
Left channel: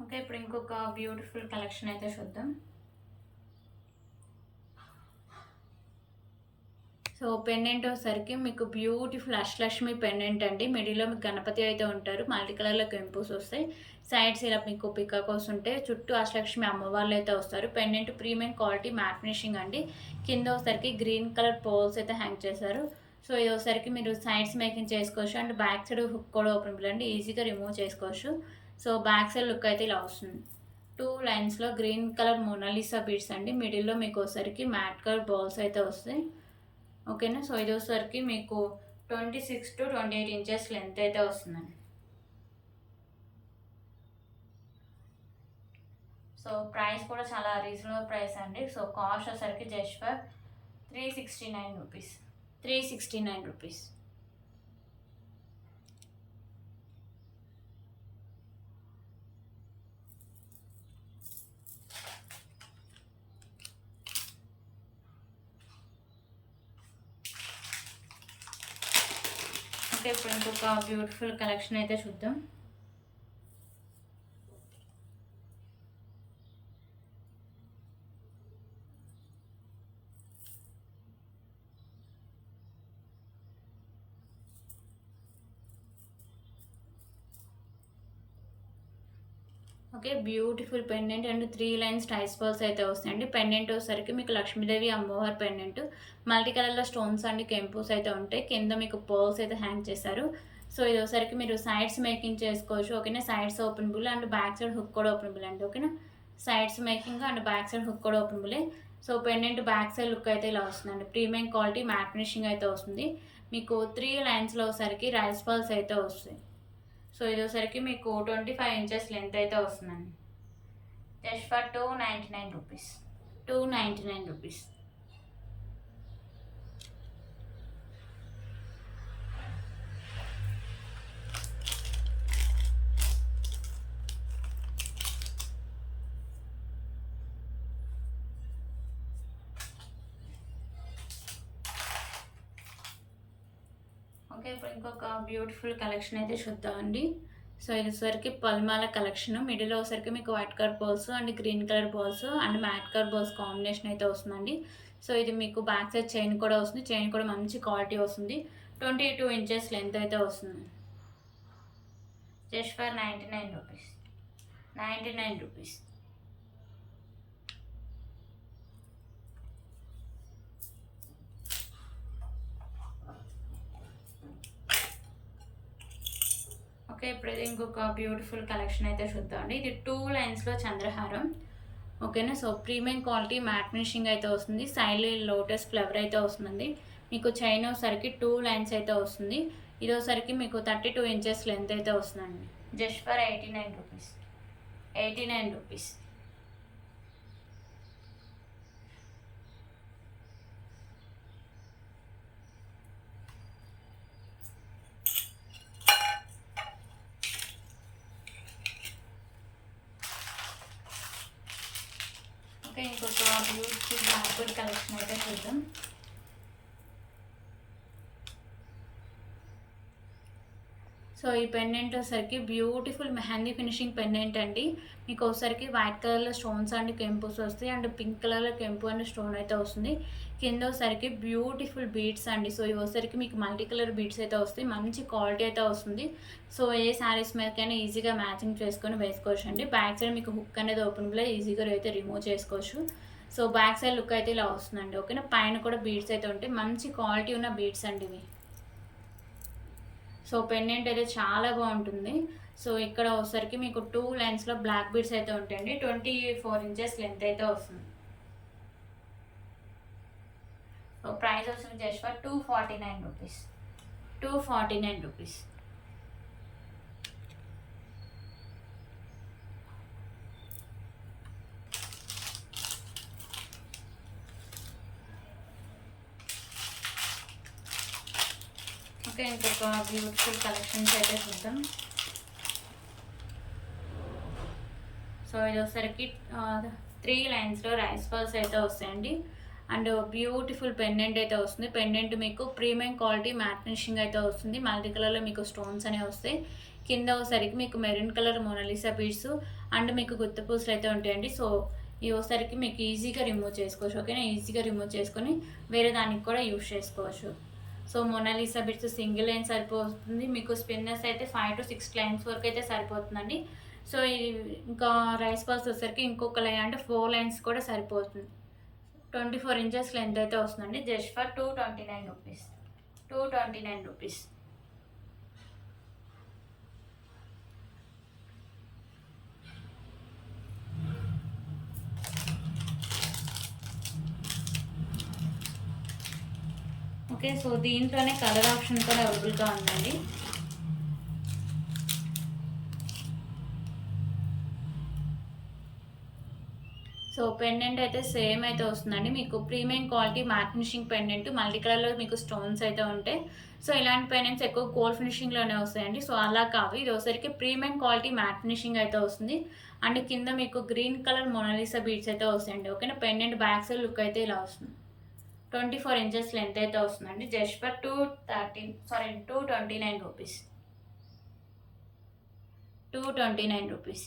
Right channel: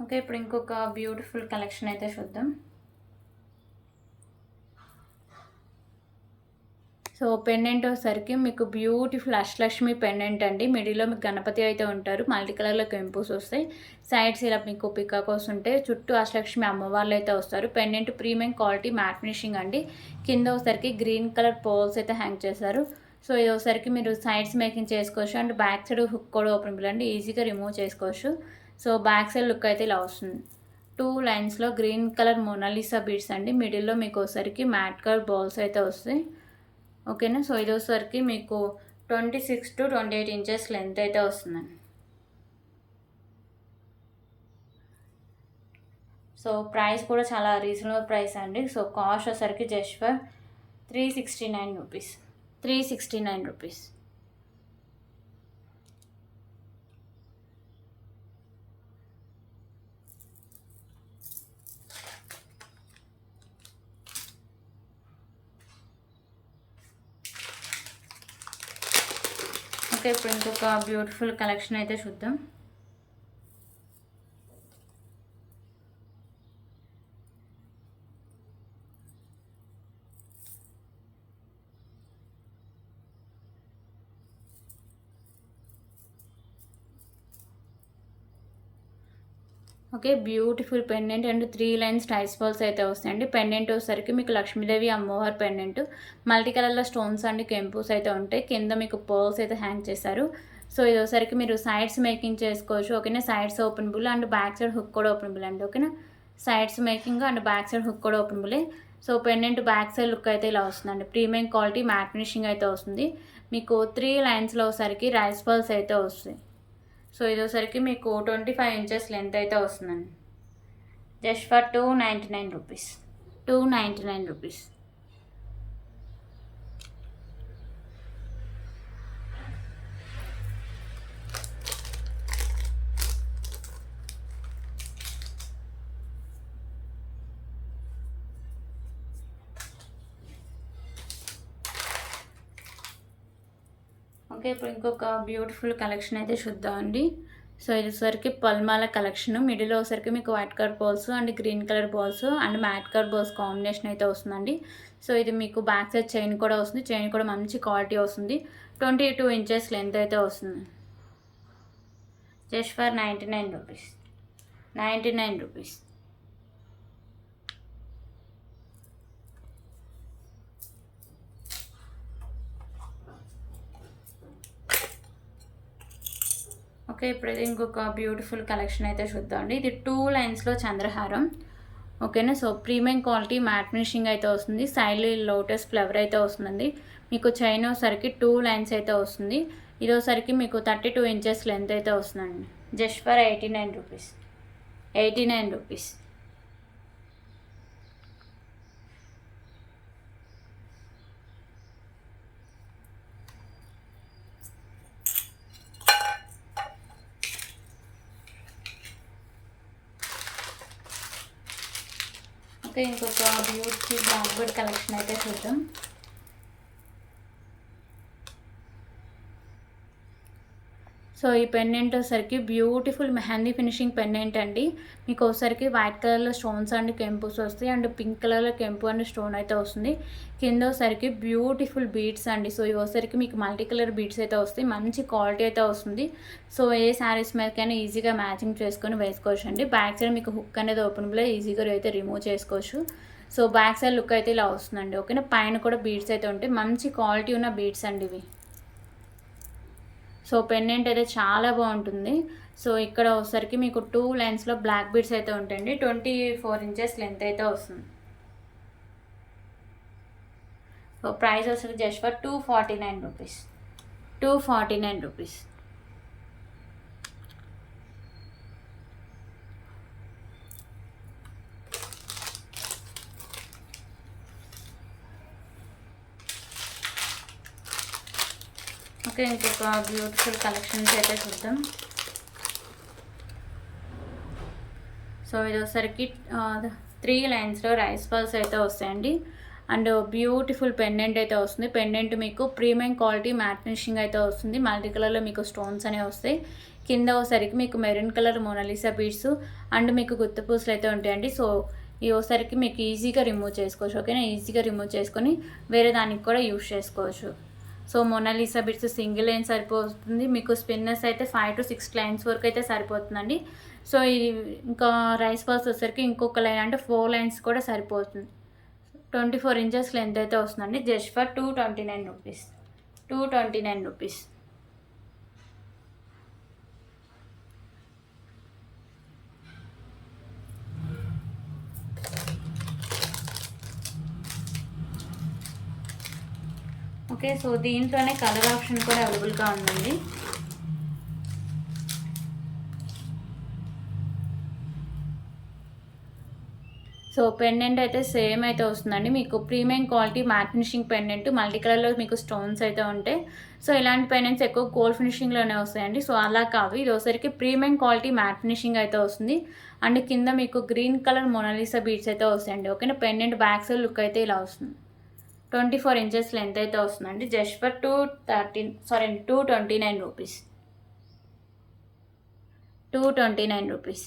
Okay, ఇప్పుడు ఇంకొక బ్యూటిఫుల్ కలెక్షన్ అయితే చూద్దాం. సో పెండెంట్ వచ్చేసరికి మీకు బ్యూటిఫుల్ అష్టలక్ష్మి పెండెంట్ అండి. మిడిల్లో మీకు గణపతి అయితే ఉంటారు, మల్టీ కలర్లో కెంపుస్ వస్తాయి. సైడ్స్ ఇలా మీకు పికాకోస్ ఉంటాయి, చుట్టూ అష్టలక్ష్మి అమ్మవార్లు అయితే వస్తారు. Pendant premium quality matte finishing అండి. కింద వచ్చేసరికి గ్రీన్ కలర్ పోల్స్ అయితే హ్యాంగ్ చేశారు. సో ఇది ఒకసారికి మీరు సైడ్స్ మేకింగ్ చేసుకోవచ్చు. అండ్ బ్యాక్ సైడ్ హుక్ కూడా ఓపెన్ అండి, ఈజీగా రిమూవ్ చేసుకోవచ్చు. సో బ్యాక్ సైడ్ లుక్ అయితే ఇలా వస్తుంది. 2 లైన్స్లో గ్రీన్ కలర్ మొనాలిసా బీడ్స్ అండి. మిడిల్లో మీకు ఒకసారికి మ్యాట్ కలర్ బాల్స్ అయితే వస్తాయి. ఓకేనా, సో ఇది వచ్చేసరికి మీకు 26 to 28 ఇంచెస్ లెంత్ అయితే వస్తుందండి. సో ప్రైస్ కూడా చాలా రీజనబుల్ ప్రైస్ అండి. సో కాస్ట్ వచ్చేసరికి just for 369 rupees. 369 rupees. Okay, ఇప్పుడు ఇంకొక బ్యూటిఫుల్ కలెక్షన్ అయితే చూద్దాం. Okay, beautiful pendant and 3 lines ties balls అయితే వస్తాయండి. పెండెంట్ వచ్చేసరికి మీకు లక్ష్మీదేవి అమ్మవారి పెండెంట్, మల్టీ కలర్లో స్టోన్స్ అండ్ కెంపుస్ అయితే ఉంటాయి. కింద మీకు పర్ల్స్ అయితే హ్యాంగ్ చేశారు. సో ఇది వచ్చేసరికి మీరు సైడ్స్ మేకింగ్ చేసుకోవచ్చు. ఓకేనా, sides openable and back side hook కూడా ఓపెనబుల్ అండి. ఓకేనా, sides making and back side hook కూడా ఓపెనబులే. So pendant back side look అయితే ఇలా వస్తుందండి. ప్రీమియం క్వాలిటీ మ్యాట్ ఫినిషింగ్ అయితే వస్తుంది. మీకు 3 లైన్స్లో ఒకసారికి రైస్ బాల్స్ అయితే వస్తాయి. సో ఇది వచ్చరికి మీకు 25 ఇంచెస్ లెంత్ అయితే వస్తుందండి. Just for 299 rupees. 299 rupees. Okay, ఇప్పుడు ఇంకొక బ్యూటిఫుల్ కలెక్షన్ అయితే చూద్దామండి. సో ఇది వచ్చరికి పల్మాల కలెక్షన్. మిడిల్ వచ్చరికి మీకు white colour balls and green colour balls and mat colour balls combination అయితే వస్తుందండి. సో ఇది మీకు బ్యాక్ సైడ్ చైన్ కూడా వస్తుంది. చైన్ కూడా మంచి క్వాలిటీ వస్తుంది. 22 ఇంచెస్ లెంత్ అయితే వస్తుంది. Just for 99 rupees. 99 rupees. Okay, ఇప్పుడైతే ఇంకొక బ్యూటిఫుల్ కలెక్షన్ అయితే చూద్దామండి. ఇది 2 లైన్స్లో చంద్రహారం. ఓకేనా. So premium quality matte finishing అయితే వస్తుంది. సైడ్ లోటస్ ఫ్లవర్ అయితే వస్తుందండి. మీకు చైన్ సరికి 2 లైన్స్ అయితే వస్తుంది. ఇదోసరికి మీకు 32 ఇంచెస్ లెంత్ అయితే వస్తుందండి. Just for 89 rupees. 89 rupees. Okay, ఇంకొక బ్యూటిఫుల్ బ్లాక్బర్డ్ కలెక్షన్ అయితే చూద్దాం. సో ఈ పెండెంట్ వచ్చరికి బ్యూటిఫుల్ మెహందీ ఫినిషింగ్ పెండెంట్ అండి. మీకు ఒకసారికి వైట్ కలర్లో స్టోన్స్ అండ్ కెంపుస్ వస్తాయి అండ్ పింక్ కలర్లో కెంపు అండ్ స్టోన్ అయితే వస్తుంది. కింద వచ్చరికి బ్యూటిఫుల్ బీడ్స్ అండి. సో ఇవి వచ్చరికి మీకు మల్టీ కలర్ బీడ్స్ అయితే వస్తాయి. మంచి క్వాలిటీ అయితే వస్తుంది. సో ఏ శారీస్ మీదకైనా ఈజీగా మ్యాచింగ్ చేసుకొని వేసుకోవచ్చు అండి. బ్యాక్ సైడ్ మీకు హుక్ అనేది ఓపెన్లో ఈజీగా అయితే రిమూవ్ చేసుకోవచ్చు. సో బ్యాక్ సైడ్ లుక్ అయితే ఇలా వస్తుందండి. ఓకేనా. పైన కూడా బీడ్స్ అయితే ఉంటాయి. మంచి క్వాలిటీ ఉన్న బీడ్స్ అండి ఇవి. సో పెండెంట్ అయితే చాలా బాగుంటుంది. సో ఇక్కడ వచ్చరికి మీకు 2 లైన్స్లో బ్లాక్ బీడ్స్ అయితే ఉంటాయండి. 24 ఇంచెస్ లెంత్ అయితే వస్తుంది. సో ప్రైస్ వచ్చరికి just for 249 rupees. 249 rupees. Okay, ఇంకొక బ్యూటిఫుల్ కలెక్షన్స్ అయితే చూద్దాం. సో ఇది వచ్చరికి 3 లైన్స్లో రైస్ బాల్స్ అయితే వస్తాయండి. అండ్ బ్యూటిఫుల్ పెండెంట్ అయితే వస్తుంది. పెండెంట్ మీకు ప్రీమియం క్వాలిటీ మ్యాట్ ఫినిషింగ్ అయితే వస్తుంది. మల్టీ కలర్లో మీకు స్టోన్స్ అనేవి వస్తాయి. కింద వచ్చరికి మీకు maroon colour Mona Lisa beads and మీకు గుత్త పూసలు అయితే ఉంటాయండి. సో ఈ వచ్చరికి మీకు ఈజీగా రిమూవ్ చేసుకోవచ్చు. ఓకేనా. ఈజీగా రిమూవ్ చేసుకొని వేరే దానికి కూడా యూజ్ చేసుకోవచ్చు. So Mona Lisa bits single line సరిపోతుంది. మీకు స్పిన్నర్స్ అయితే 5 to 6 లైన్స్ వరకు అయితే సరిపోతుందండి. సో ఇది ఇంకా రైస్ బాల్స్ వచ్చేసరికి ఇంకొక లైన్ అంటే 4 లైన్స్ కూడా సరిపోతుంది. 24 ఇంచెస్ లెంత్ అయితే వస్తుందండి. Just for 229 rupees. 229 rupees. Okay, so దీంట్లోనే కలర్ ఆప్షన్ కూడా అవైలబుల్గా ఉందండి. సో పెండెంట్ అయితే సేమ్ అయితే వస్తుందండి. మీకు premium quality matte finishing pendant multi కలర్లో మీకు స్టోన్స్ అయితే ఉంటాయి. సో ఇలాంటి పెండెంట్స్ ఎక్కువ గోల్డ్ ఫినిషింగ్లోనే వస్తాయండి. సో అలా కాదు, ఇది ఒకసారికి ప్రీమియం క్వాలిటీ మ్యాట్ ఫినిషింగ్ అయితే వస్తుంది. అండ్ కింద మీకు గ్రీన్ కలర్ మోనాలిసా బీడ్స్ అయితే వస్తాయండి. ఓకేనా. పెండెంట్ బ్యాక్ సైడ్ లుక్ అయితే ఇలా వస్తుంది. 24 ఇంచెస్ లెంత్ అయితే వస్తుందండి. Just for 229 rupees. 229 rupees.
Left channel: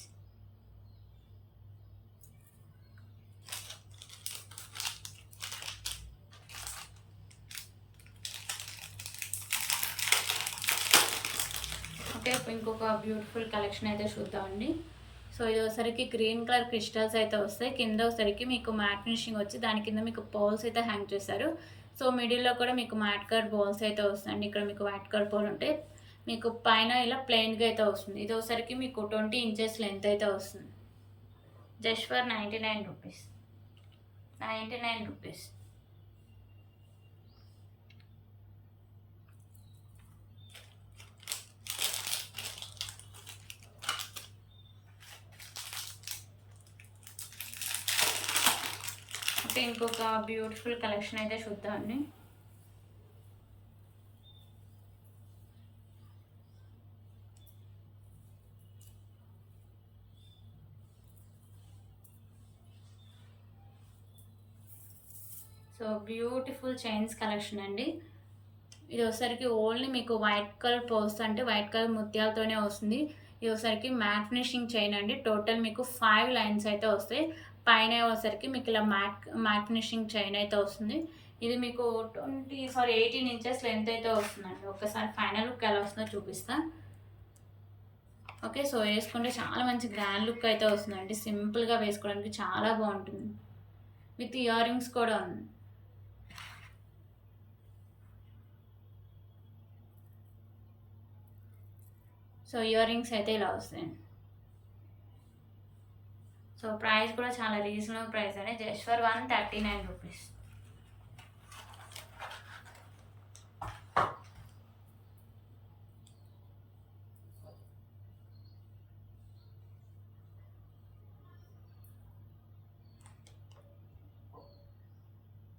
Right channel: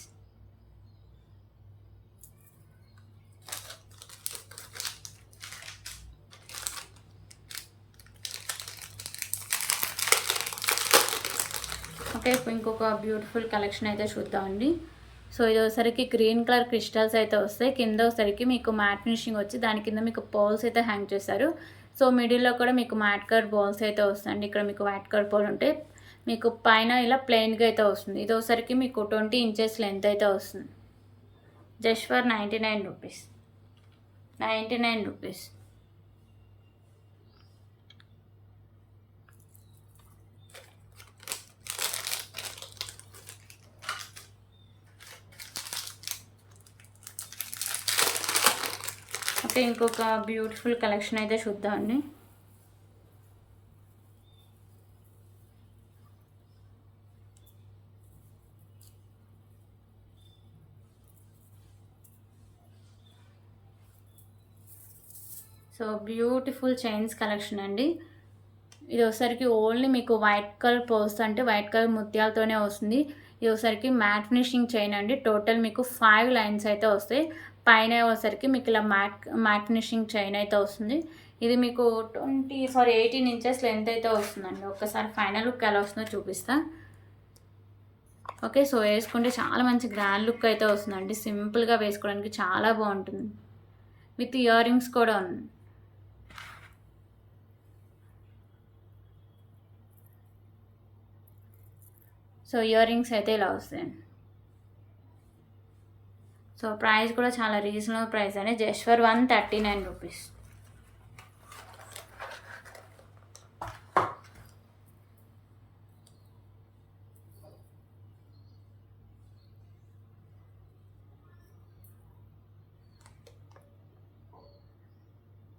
Okay, ఇప్పుడు ఇంకొక బ్యూటిఫుల్ కలెక్షన్ అయితే చూద్దామండి. సో ఇది ఒకసారికి గ్రీన్ కలర్ క్రిస్టల్స్ అయితే వస్తాయి. కింద ఒకసారికి మీకు మ్యాట్ ఫినిషింగ్ వచ్చి దాని కింద మీకు పోల్స్ అయితే హ్యాంగ్ చేస్తారు. సో మిడిల్లో కూడా మీకు మ్యాట్ కలర్ బాల్స్ అయితే వస్తాయండి. ఇక్కడ మీకు వైట్ కలర్ బాల్ ఉంటాయి. మీకు పైన ఇలా ప్లెయిన్గా అయితే వస్తుంది. ఇది ఒకసారికి మీకు 20 ఇంచెస్ లెంత్ అయితే వస్తుంది. Just for 99 rupees. 99 rupees. Okay, ఇంకొక బ్యూటిఫుల్ కలెక్షన్ అయితే చూద్దామండి. సో బ్యూటిఫుల్ చైన్స్ కలెక్షన్ అండి. ఇది వచ్చేసరికి ఓన్లీ మీకు వైట్ కలర్ పోస్ అంటే వైట్ కలర్ ముత్యాలతోనే వస్తుంది. ఇది వచ్చేసరికి మ్యాట్ ఫినిషింగ్ చైన్ అండి. టోటల్ మీకు 5 లైన్స్ అయితే వస్తాయి. పైన వచ్చేసరికి మీకు ఇలా మ్యాట్ ఫినిషింగ్ చైన్ అయితే వస్తుంది. ఇది మీకు 18 ఇంచెస్ లెంత్ అయితే వస్తుందండి. ఒక్కసారి ఫైనల్ లుక్ ఎలా వస్తుందో చూపిస్తా. ఓకే, సో వేసుకుంటే చాలా మంచి గ్రాండ్ లుక్ అయితే వస్తుందండి. సింపుల్గా వేసుకోవడానికి చాలా బాగుంటుంది. విత్ ఇయర్ రింగ్స్ కూడా ఉంది. సో ఇయర్ రింగ్స్ అయితే ఇలా వస్తాయండి. సో ప్రైస్ కూడా చాలా రీజనబుల్ ప్రైస్ అండి. Just for 139 rupees.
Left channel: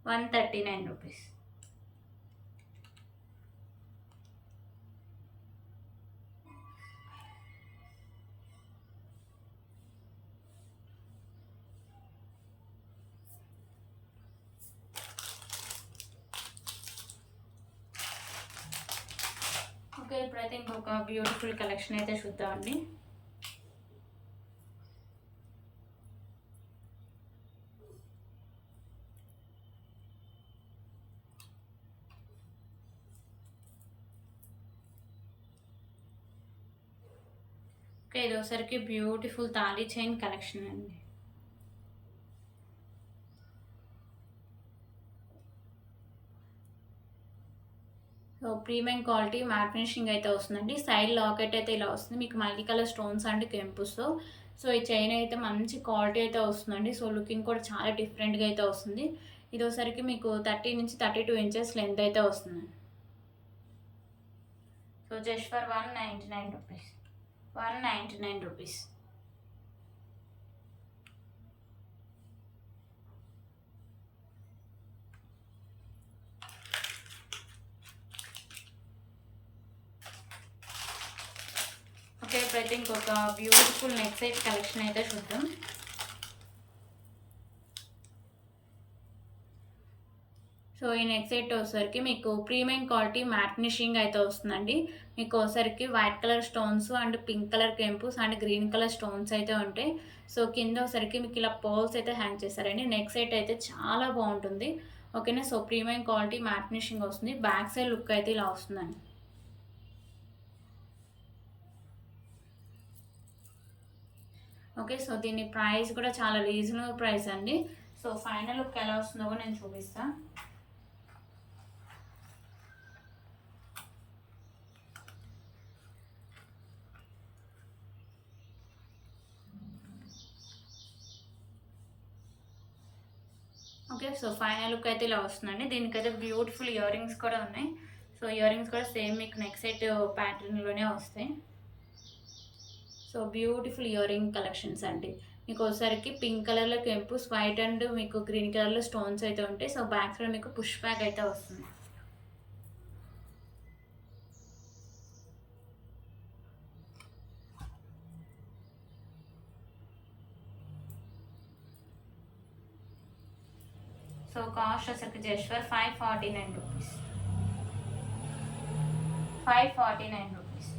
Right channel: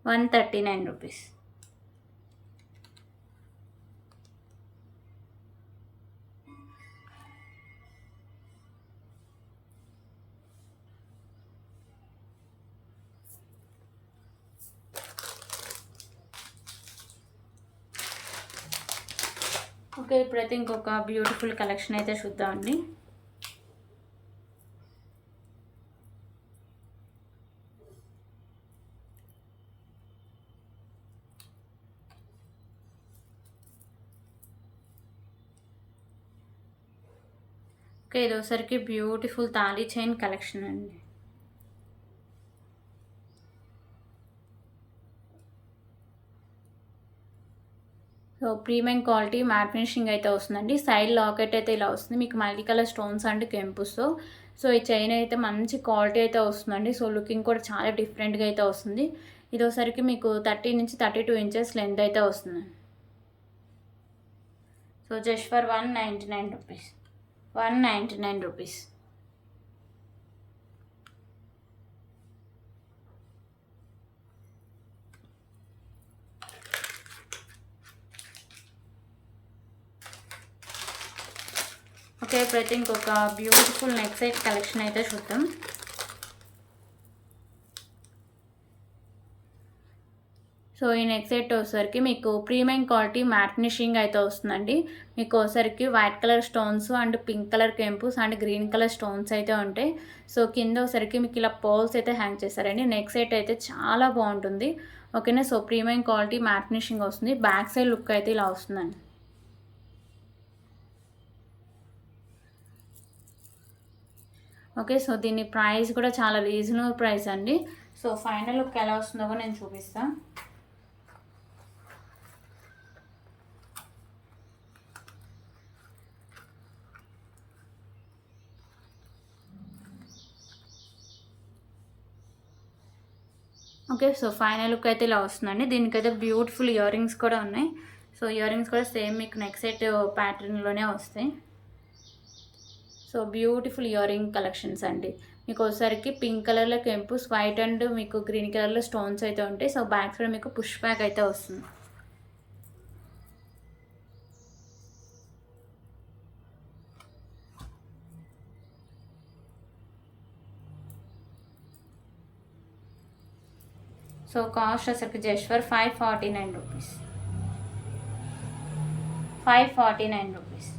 ₹139. ఓకే, ఇప్పుడైతే ఇంకొక బ్యూటిఫుల్ కలెక్షన్ అయితే చూద్దామండి. ఓకే, ఇది ఒకసారికి బ్యూటిఫుల్ తాళీ చైన్ కలెక్షన్ అండి. So premium quality matte finishing అయితే వస్తుందండి. సైడ్ లాకెట్ అయితే ఇలా వస్తుంది మీకు మల్టీ కలర్ స్టోన్స్ అండ్ కెంపుస్తో. సో ఈ చైన్ అయితే మంచి క్వాలిటీ అయితే వస్తుందండి. సో లుకింగ్ కూడా చాలా డిఫరెంట్గా అయితే వస్తుంది. ఇది ఒకసారికి మీకు 30 నుంచి 32 ఇంచెస్ లెంత్ అయితే వస్తుంది. So just for 199 rupees. 199 rupees. Okay, ప్రతి ఇంకొక బ్యూటిఫుల్ నెక్ సెట్ కలెక్షన్ అయితే చూద్దాం. సో ఈ నెక్ సెట్ వచ్చేసరికి మీకు ప్రీమియం క్వాలిటీ మ్యాట్ ఫినిషింగ్ అయితే వస్తుందండి. మీకు వచ్చేసరికి white colour stones and pink colour కెంపుస్ అండ్ గ్రీన్ కలర్ స్టోన్స్ అయితే ఉంటాయి. సో కింద వచ్చేసరికి మీకు ఇలా పర్ల్స్ అయితే హ్యాంగ్ చేశారండి. నెక్ సెట్ అయితే చాలా బాగుంటుంది. ఓకేనా, so premium quality matte finishing వస్తుంది. బ్యాక్ సైడ్ లుక్ అయితే ఇలా వస్తుందండి. ఓకే, సో దీని ప్రైస్ కూడా చాలా రీజనబుల్ ప్రైస్ అండి. సో ఫైనల్ లుక్ ఎలా వస్తుందో కూడా నేను చూపిస్తాను. ఓకే, సో ఫైనల్ లుక్ అయితే ఇలా వస్తుందండి. దీనికైతే బ్యూటిఫుల్ ఇయర్ రింగ్స్ కూడా ఉన్నాయి. సో ఇయర్ రింగ్స్ కూడా సేమ్ మీకు నెక్ సెట్ ప్యాటర్న్లోనే వస్తాయి. So beautiful ear ring collections అండి. మీకు ఒకసారికి పింక్ కలర్లో కెంపుస్, వైట్ అండ్ మీకు గ్రీన్ కలర్లో స్టోన్స్ అయితే ఉంటాయి. సో బ్యాక్ సైడ్ మీకు పుష్ బ్యాక్ అయితే వస్తుంది. సో కాస్ట్ అసలు just for 549 rupees. 549 rupees.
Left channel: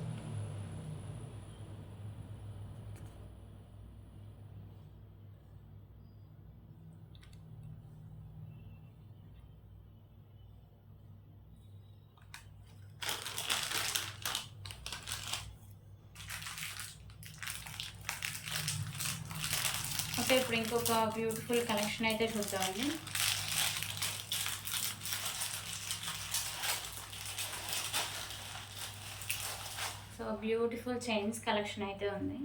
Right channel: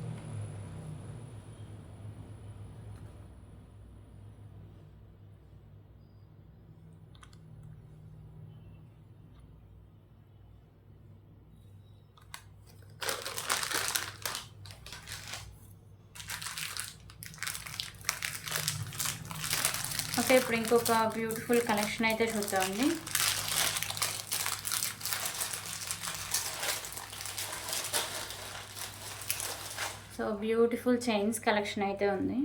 Okay, ఇప్పుడు ఇంకొక బ్యూటిఫుల్ కలెక్షన్ అయితే చూద్దామండి. సో బ్యూటిఫుల్ చైన్స్ కలెక్షన్ అయితే ఉంది.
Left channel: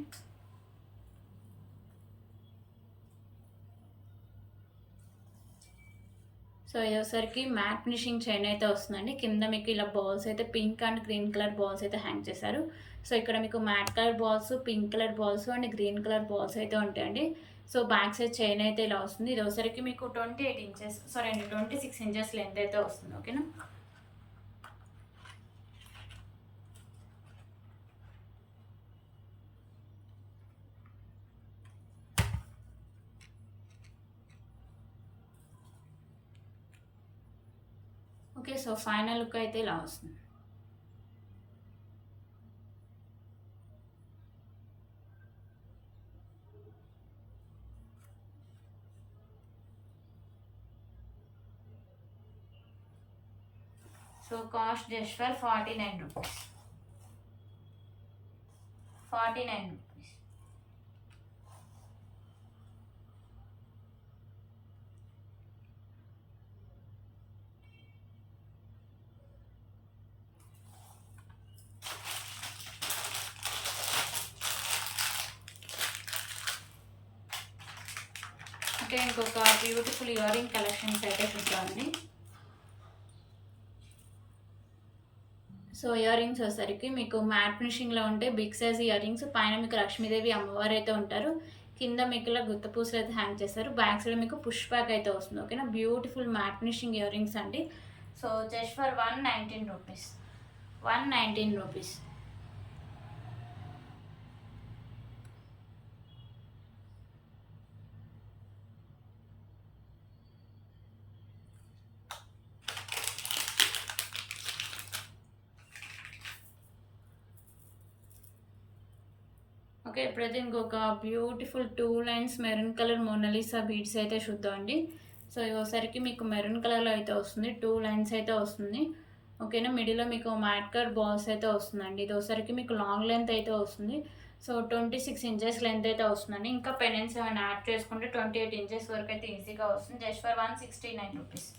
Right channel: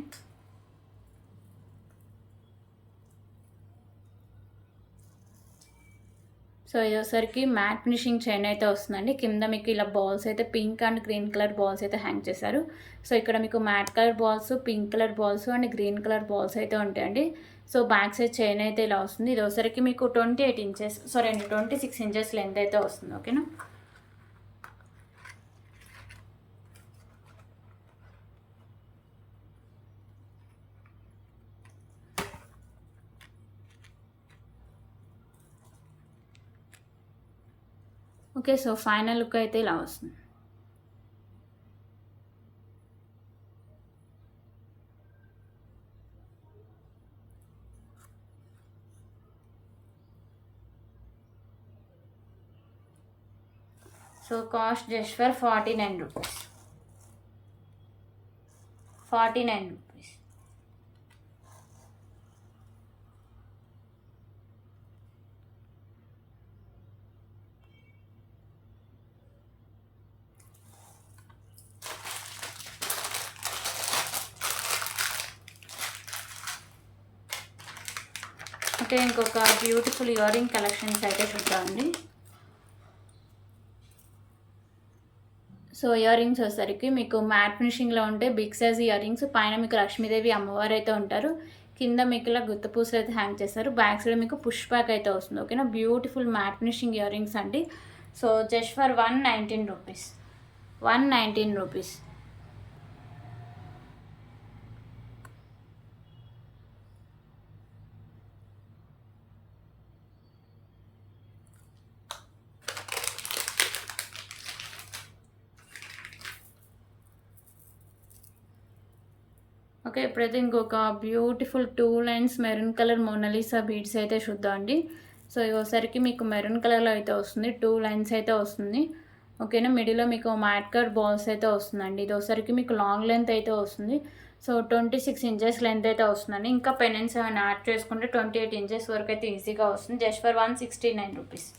సో ఇది ఒకసారికి మ్యాట్ ఫినిషింగ్ చైన్ అయితే వస్తుందండి. కింద మీకు ఇలా బాల్స్ అయితే pink and green colour balls అయితే హ్యాంగ్ చేశారు. సో ఇక్కడ మీకు mat colour balls, pink colour balls and green colour balls అయితే ఉంటాయండి. సో బ్యాక్ సైడ్ చైన్ అయితే ఇలా వస్తుంది. ఇది ఒకసారికి మీకు 28 ఇంచెస్ 26 ఇంచెస్ లెంత్ అయితే వస్తుంది. ఓకేనా, ఓకే. సో ఫైనల్ లుక్ అయితే ఇలా వస్తుంది. So cost just for 49 rupees. 49 rupees. Okay, ఇంకొక బ్యూటిఫుల్ ఇయర్ రింగ్ కలెక్షన్స్ అయితే చూద్దామండి. సో ఇయర్ రింగ్స్ వచ్చేసరికి మీకు మ్యాట్ ఫినిషింగ్లో ఉంటే బిగ్ సైజ్ ఇయర్ రింగ్స్. పైన మీకు లక్ష్మీదేవి అమ్మవారు అయితే ఉంటారు. కింద మీకు ఇలా గుత్త పూసలు అయితే హ్యాంగ్ చేస్తారు. బ్యాక్ సైడ్ మీకు పుష్ బ్యాక్ అయితే వస్తుంది. ఓకేనా, beautiful matte finishing earrings అండి. So just for 119 rupees. 119 rupees. Okay, ఇప్పుడైతే ఇంకొక beautiful 2 lines maroon colour Mona Lisa beads అయితే చూద్దామండి. సో ఇవసరికి మీకు మెరూన్ కలర్లో అయితే వస్తుంది. 2 లైన్స్ అయితే వస్తుంది. ఓకేనా, మిడిల్లో మీకు మ్యాట్ కట్ బాల్స్ అయితే వస్తుందండి. ఇది ఒకసారికి మీకు లాంగ్ లెంత్ అయితే వస్తుంది. సో 26 ఇంచెస్ లెంత్ అయితే వస్తుందండి. ఇంకా పెనెన్స్ ఏమైనా యాడ్ చేసుకుంటే 28 ఇంచెస్ వరకు అయితే ఈజీగా వస్తుంది. Just for 169 rupees.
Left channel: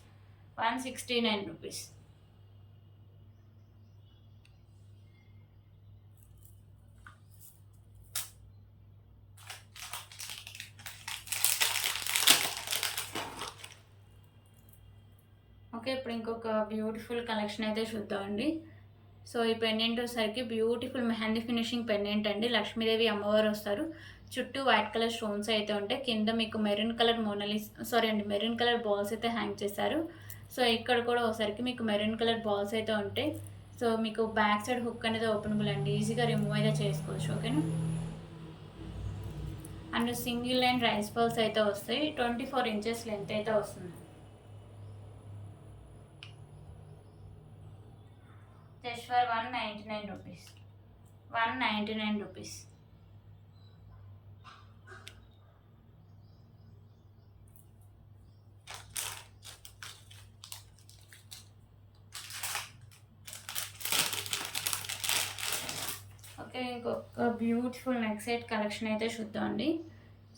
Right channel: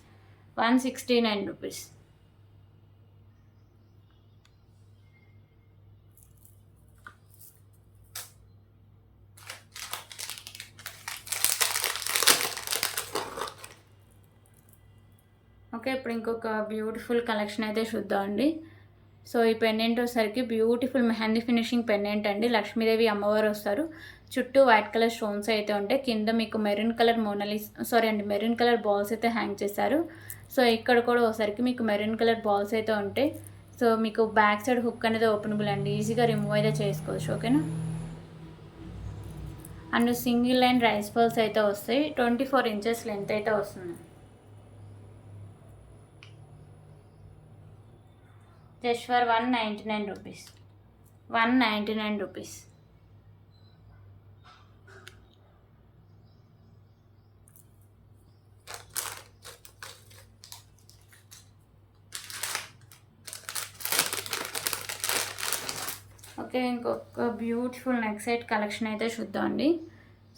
169 rupees. Okay, ఇప్పుడు ఇంకొక బ్యూటిఫుల్ కలెక్షన్ అయితే చూద్దామండి. సో ఈ పెండెంట్ వచ్చేసరికి బ్యూటిఫుల్ మెహందీ ఫినిషింగ్ పెండెంట్ అండి. లక్ష్మీదేవి అమ్మవారు వస్తారు. చుట్టూ వైట్ కలర్ స్టోన్స్ అయితే ఉంటాయి. కింద మీకు maroon colour maroon colour balls అయితే హ్యాంగ్ చేశారు. సో ఇక్కడ కూడా ఒకసారికి మీకు మెరూన్ కలర్ బాల్స్ అయితే ఉంటాయి. సో మీకు బ్యాక్ సైడ్ హుక్ అనేది ఓపెనబుల్ అండి. ఈజీగా రిమూవ్ అయితే చేసుకోవచ్చు. ఓకేనా, and single line rice balls అయితే వస్తాయి. 24 ఇంచెస్ లెంత్ అయితే వస్తుంది. Just for 199 rupees. 199 rupees. Okay, ఇంకొక బ్యూటిఫుల్ నెక్ సెట్ కలెక్షన్ అయితే చూద్దామండి.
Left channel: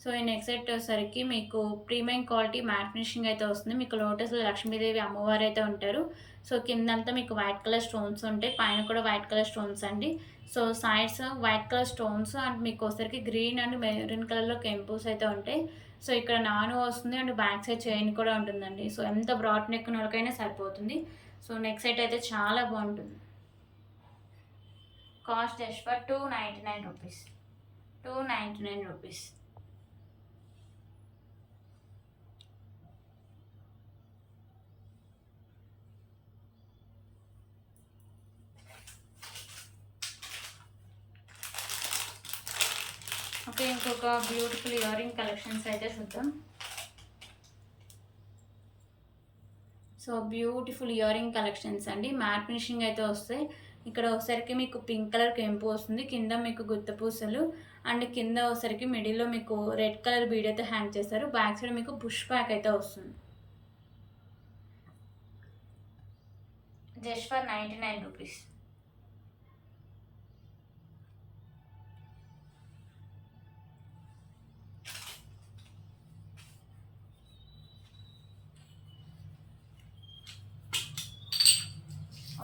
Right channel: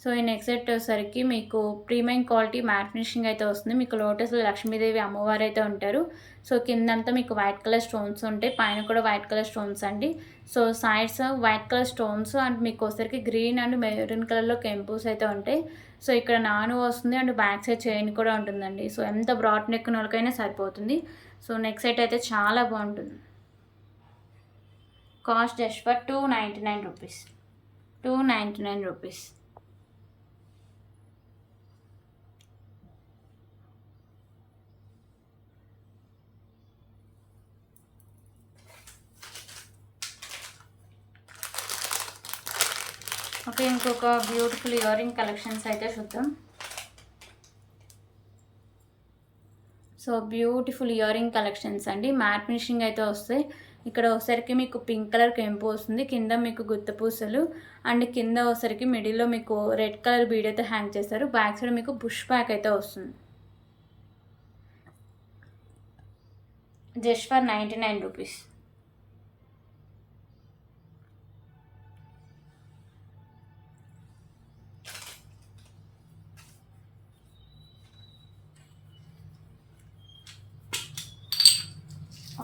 సో ఈ నెక్ సెట్ వచ్చేసరికి మీకు ప్రీమియం క్వాలిటీ మ్యాట్ ఫినిషింగ్ అయితే వస్తుంది. మీకు లోటస్లో లక్ష్మీదేవి అమ్మవారు అయితే ఉంటారు. సో కిందంతా మీకు వైట్ కలర్ స్టోన్స్ ఉంటాయి. పైన కూడా వైట్ కలర్ స్టోన్స్ అండి. So sides white colour stones and మీకు వచ్చేసరికి గ్రీన్ అండ్ మెరూన్ కలర్లో కెంపూస్ అయితే ఉంటాయి. సో ఇక్కడ నాను వస్తుంది అండ్ బ్యాక్ సైడ్ చైన్ కూడా ఉంటుందండి. సో ఎంత బ్రాడ్ నెక్ వాళ్ళకైనా సరిపోతుంది. సో నెక్ సెట్ అయితే చాలా బాగుంటుంది. Cost just for 299 rupees. 299 rupees. Okay, ఇంకొక బ్యూటిఫుల్ ఇయర్ రింగ్ కలెక్షన్స్ అయితే చూద్దాం. So beautiful ear ring collections అండి. మ్యాట్ ఫినిషింగ్ అయితే వస్తాయి. ఇక్కడ ఒకసారికి మీకు పింక్ కలర్ కెంపు వస్తుంది. కింద మీకు గుత్త పూసలు అండ్ కింద ఒకసారికి మిడిల్లో మీకు రెడ్ కలర్ బీడ్ అయితే హ్యాంగ్ చేస్తారు. బ్యాక్ సైడ్ మీకు పుష్ బ్యాక్ అయితే వస్తుంది. Just for 99 rupees.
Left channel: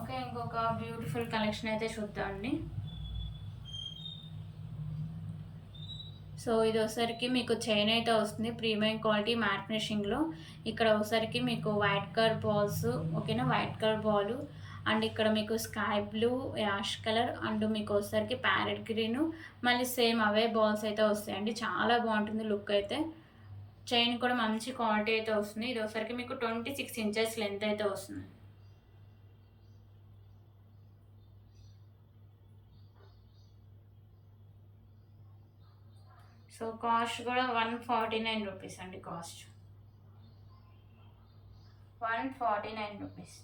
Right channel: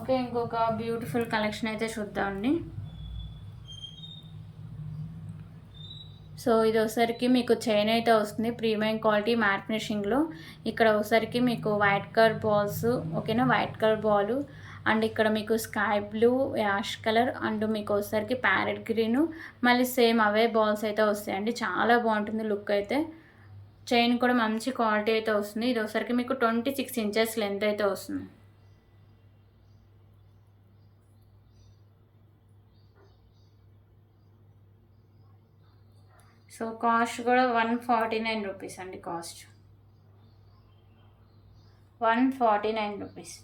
ఓకే, ఇంకొక బ్యూటిఫుల్ కలెక్షన్ అయితే చూద్దామండి. సో ఇది ఒకసారికి మీకు చైన్ అయితే వస్తుంది. ప్రీమియం క్వాలిటీ మ్యాట్ ఫినిషింగ్లో. ఇక్కడ ఒకసారికి మీకు వైట్ కలర్ బాల్స్. ఓకేనా, వైట్ కలర్ బాల్ అండ్ ఇక్కడ మీకు sky blue, ash colour and మీకు ఒకసారికి ప్యారెట్ గ్రీను మళ్ళీ సేమ్ అవే బాల్స్ అయితే వస్తాయండి. చాలా బాగుంటుంది లుక్ అయితే. చైన్ కూడా మంచి క్వాలిటీ అయితే వస్తుంది. ఇది ఒకసారికి మీకు 26 ఇంచెస్ లెంత్ అయితే వస్తుంది. సో కాస్ట్ కూడా 149 రూపీస్ అండి. Cost 149 rupees.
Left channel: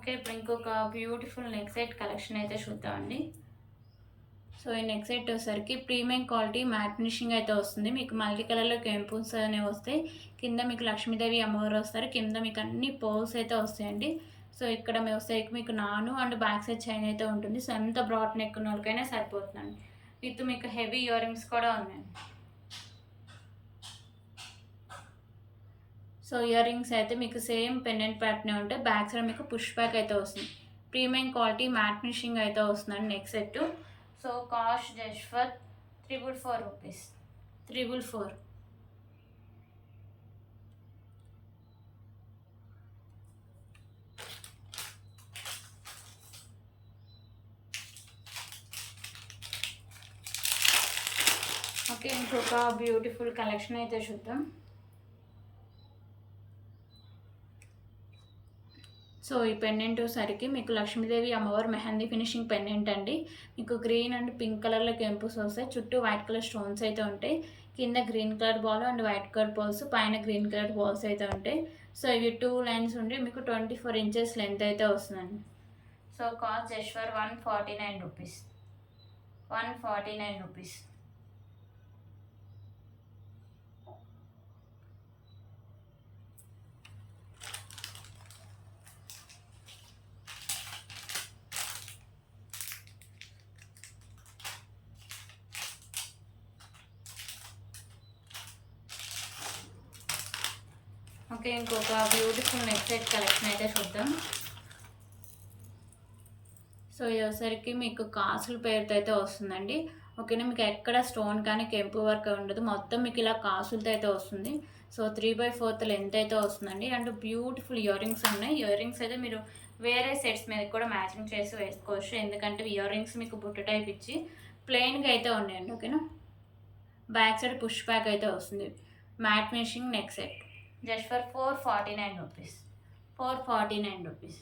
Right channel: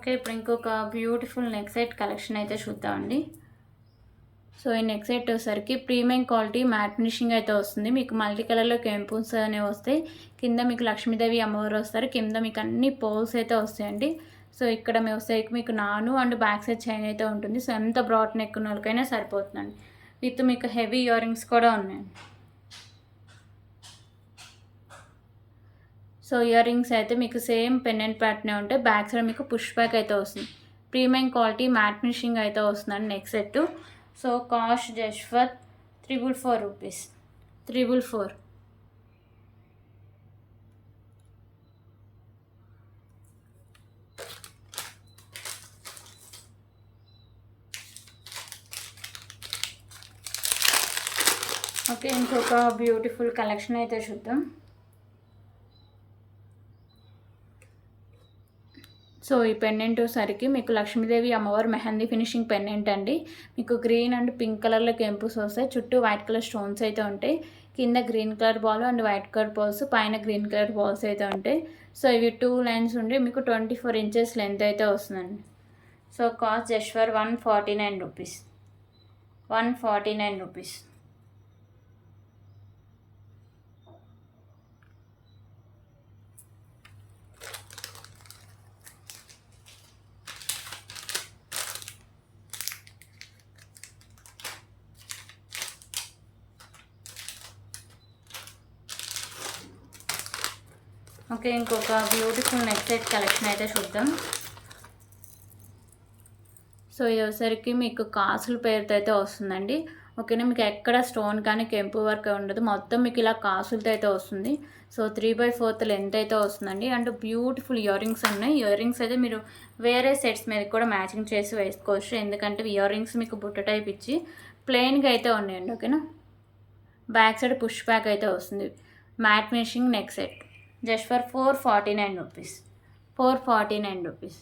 ఓకే, ఇప్పుడు ఇంకొక బ్యూటిఫుల్ నెక్ సెట్ కలెక్షన్ అయితే చూద్దామండి. సో ఈ నెక్ సెట్ వచ్చేసరికి ప్రీమియం క్వాలిటీ మ్యాట్ ఫినిషింగ్ అయితే వస్తుంది. మీకు మల్టీ కలర్లో కెంపుల్స్ అనేవి వస్తాయి. కింద మీకు లక్ష్మీదేవి అమ్మవారు వస్తారు. కింద మీకు అన్ని పోల్స్ అయితే వస్తాయండి. సో ఇక్కడ మీ వస్తాయికి మీకు నాను అండ్ బ్యాక్ సైడ్ చైన్ అయితే ఉంటుంది. సో ఎంత బ్రాడ్ నెక్ ఉన్న వాళ్ళకైనా సరిపోతుందండి. విత్ మీకు హెవీ ఇయర్ రింగ్స్ కూడా ఉన్నాయి. సో ఇయర్ రింగ్స్ అయితే మీకు సేమ్ పెండెంట్ ప్యాటర్నే ఉంటాయి. బ్యాక్ సైడ్ మీకు పుష్ బ్యాక్ అయితే వస్తుంది. ప్రీమియం క్వాలిటీ మ్యాట్ ఫినిషింగ్ అయితే వస్తుందండి neck set. So cost just for 444 rupees. 444. Okay, ఇంకొక బ్యూటిఫుల్ కలెక్షన్ అయితే చూద్దాం. సో ఈ పెండెంట్ సరికి మీకు లక్ష్మీదేవి అమ్మవారు మెహందీ ఫినిషింగ్ పెండెంట్ అండి. మీకు గ్రీన్ అండ్ పింక్ కలర్లో కెంపుస్ వస్తాయి. చుట్టూ వైట్ కలర్ స్టోన్స్ అయితే ఉంటాయి. కింద green colour ball and white colour balls, పైన గ్రీన్ కలర్ బాల్స్ అయితే ఉంటాయి. సో ఇవి 2 లైన్స్ ఉండి మీకు 24 ఇంచెస్ లెంత్ అయితే వస్తుందండి. So cost just for 149 rupees. 149 rupees. Okay, ఇంకొక బ్యూటిఫుల్ నెక్ సెట్ కలెక్షన్ అయితే చూద్దాం. సో ఇది వచ్చేసరికి మీకు కాసుల పేరుతో అయితే వస్తుందండి. ఓకేనా, మీకు ఎక్కడ స్టోన్ కానీ కెంపు వర్క్ ఉండదు. మొత్తం మీకు ఇలా కాసులతో అయితే వస్తుంది. సో 3/4 లెంత్ అయితే వస్తుందండి. అండ్ బ్యూటిఫుల్ ఇయర్ రింగ్స్ ఉన్నాయి. ఇయర్ రింగ్స్ అయితే మీరు వేరే సెట్స్ మీద కూడా మ్యాచింగ్ చేసి వేసుకోవచ్చు. ఎందుకంటే ఇయర్ రింగ్స్ మీకు బుట్ట టైప్ ఇచ్చి ప్లెయిన్గా అయితే ఉన్నాయండి. ఓకేనా, బ్యాక్ సైడ్ పుష్ బ్యాక్ అయితే వస్తుంది. Matte finishing neck set just for 449 rupees. 449 rupees.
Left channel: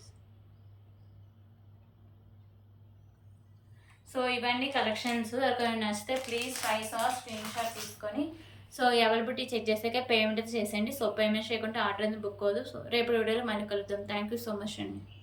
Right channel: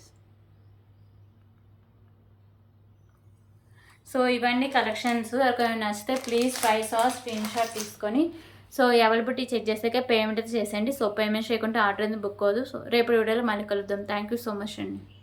So ఇవన్నీ కలెక్షన్స్. ఎవరికైనా నచ్చితే ప్లీజ్ 5 స్క్రీన్ షాట్ తీసుకొని సో అవైలబిలిటీ చెక్ చేసాక పేమెంట్ అయితే చేసేయండి. సో పేమెంట్ చేయకుండా ఆర్డర్ అనేది బుక్ అవ్వదు. సో రేపు వీడియోలో మళ్ళీ కలుద్దాం. థ్యాంక్ యూ సో మచ్ అండి.